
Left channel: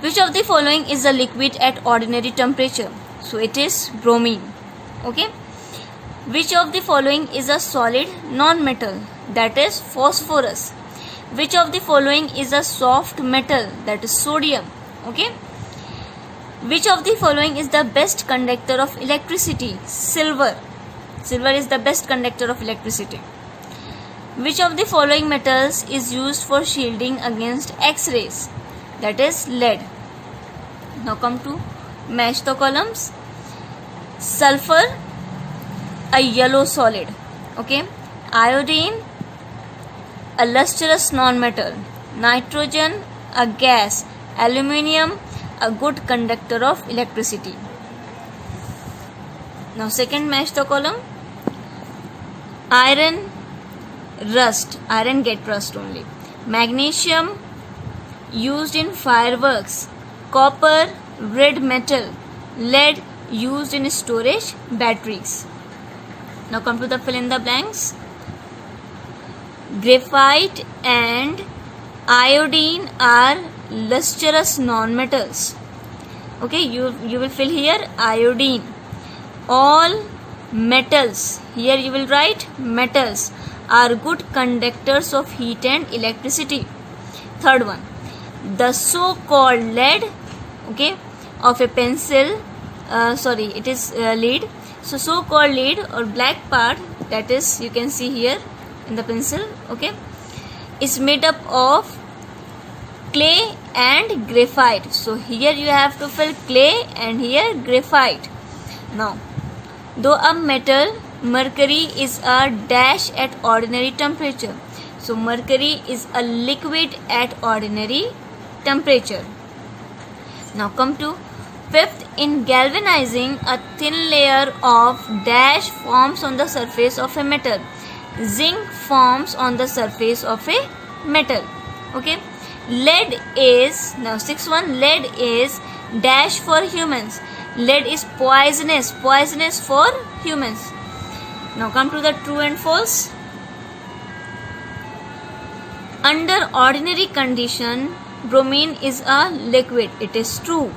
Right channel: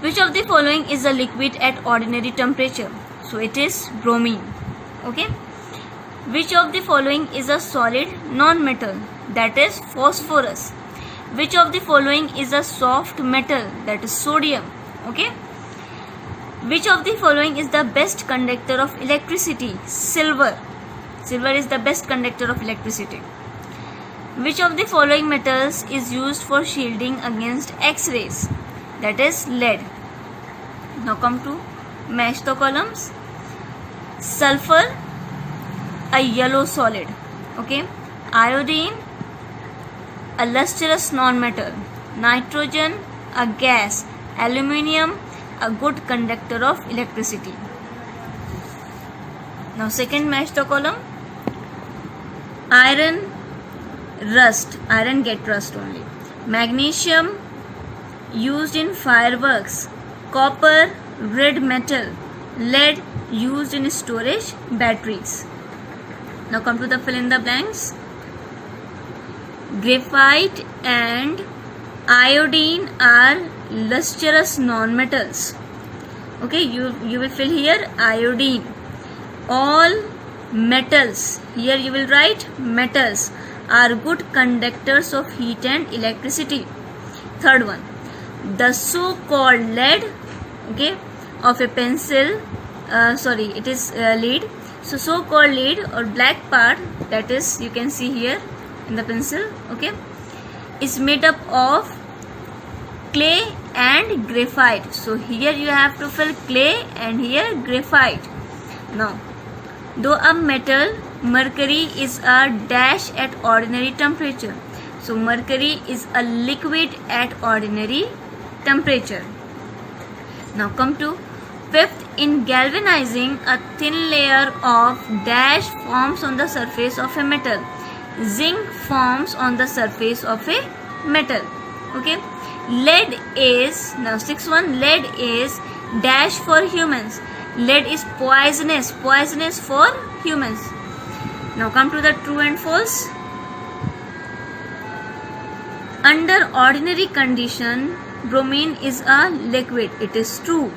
which of the following is a liquid at ordinary temperature? So it is bromine. Okay. Which of the following is a solid non-metal? That is phosphorus. Which of the following is a soft metal? That is sodium. Okay. Which of the following is the best conductor of electricity? Silver. Silver is the best conductor of electricity. Which of the following metals is used for shielding against X-rays? That is lead. Now come to match the columns. Sulfur, a yellow solid. Okay. Iodine, a lustrous non-metal. Nitrogen, a gas. Aluminium, a good conductor of electricity. Now second match the column. Iron, rust. Iron get rust only. Magnesium, used in fireworks. Copper, red metal. Lead, used in storage batteries. Now come to the fill in the blanks. Graphite and iodine are lustrous non-metals. Okay, you will fill here iodine. All metals, here you will write metals, are good conductors of heat and electricity. Third one, the so-called lead, okay, of a pencil, it is lead. So-called lead or black part, that is you can see here in the pencil, okay, is made up of clay and graphite. So here you have to fill clay and here graphite. Now, though a metal, mercury is a dash at ordinary temperature. So mercury is a liquid at ordinary temperature. Now come to fifth. In galvanizing, a thin layer of dash forms on the surface of a metal. Zinc forms on the surface of a metal. Okay. Lead is, now sixth one, lead is dash for humans. Lead is poisonous for humans. Now come to the true and false. Under ordinary condition, bromine is a liquid. It is true.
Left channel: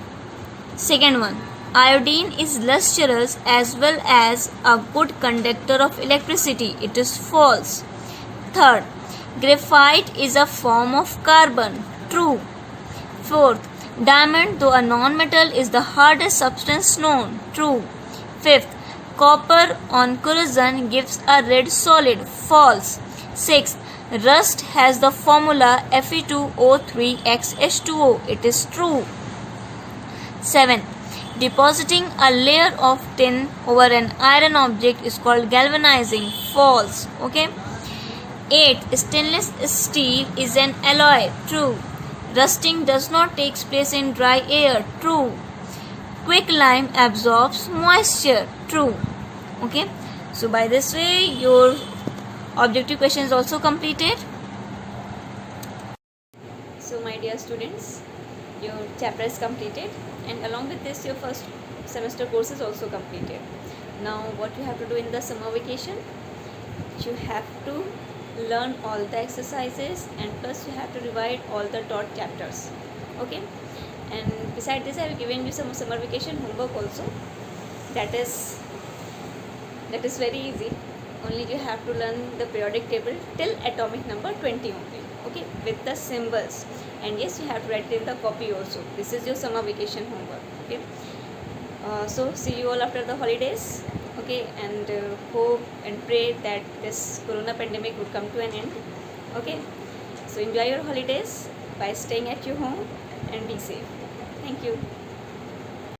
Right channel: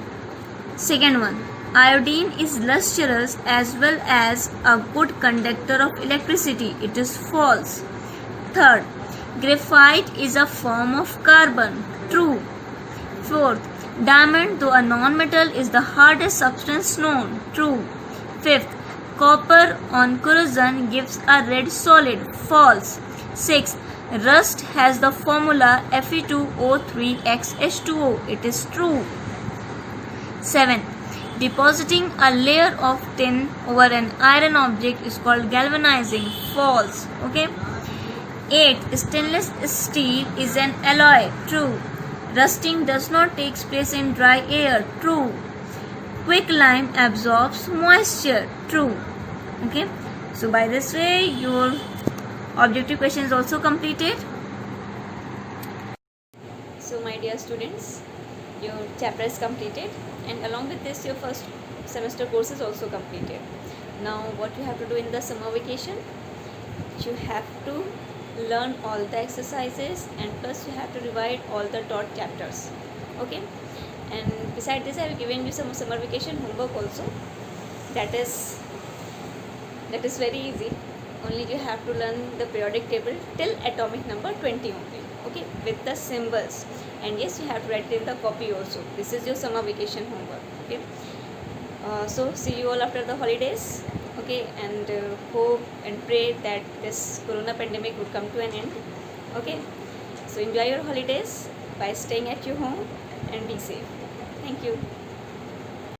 Second one, iodine is lustrous as well as a good conductor of electricity. It is false. Third, graphite is a form of carbon. True. Fourth, diamond, though a non-metal, is the hardest substance known. True. Fifth, copper on corrosion gives a red solid. False. Sixth, rust has the formula Fe2O3xH2O. It is true. 7. Depositing a layer of tin over an iron object is called galvanizing. False. Okay. 8. Stainless steel is an alloy. True. Rusting does not take place in dry air. True. Quicklime absorbs moisture. True. Okay. So by this way your objective question is also completed. So my dear students, your chapter is completed, and along with this your first semester course is also completed. Now what you have to do in the summer vacation, you have to learn all the exercises, and plus you have to revise all the taught chapters. Okay, and beside this I have given you some summer vacation homework also. That is very easy. Only you have to learn the periodic table till atomic number 20 only. Okay, with the symbols, and yes, you have to write it in the copy also. This is your summer vacation homework. Okay, so see you all after the holidays. Okay, and hope and pray that this corona pandemic would come to an end. Okay, so enjoy your holidays by staying at your home and be safe. Thank you.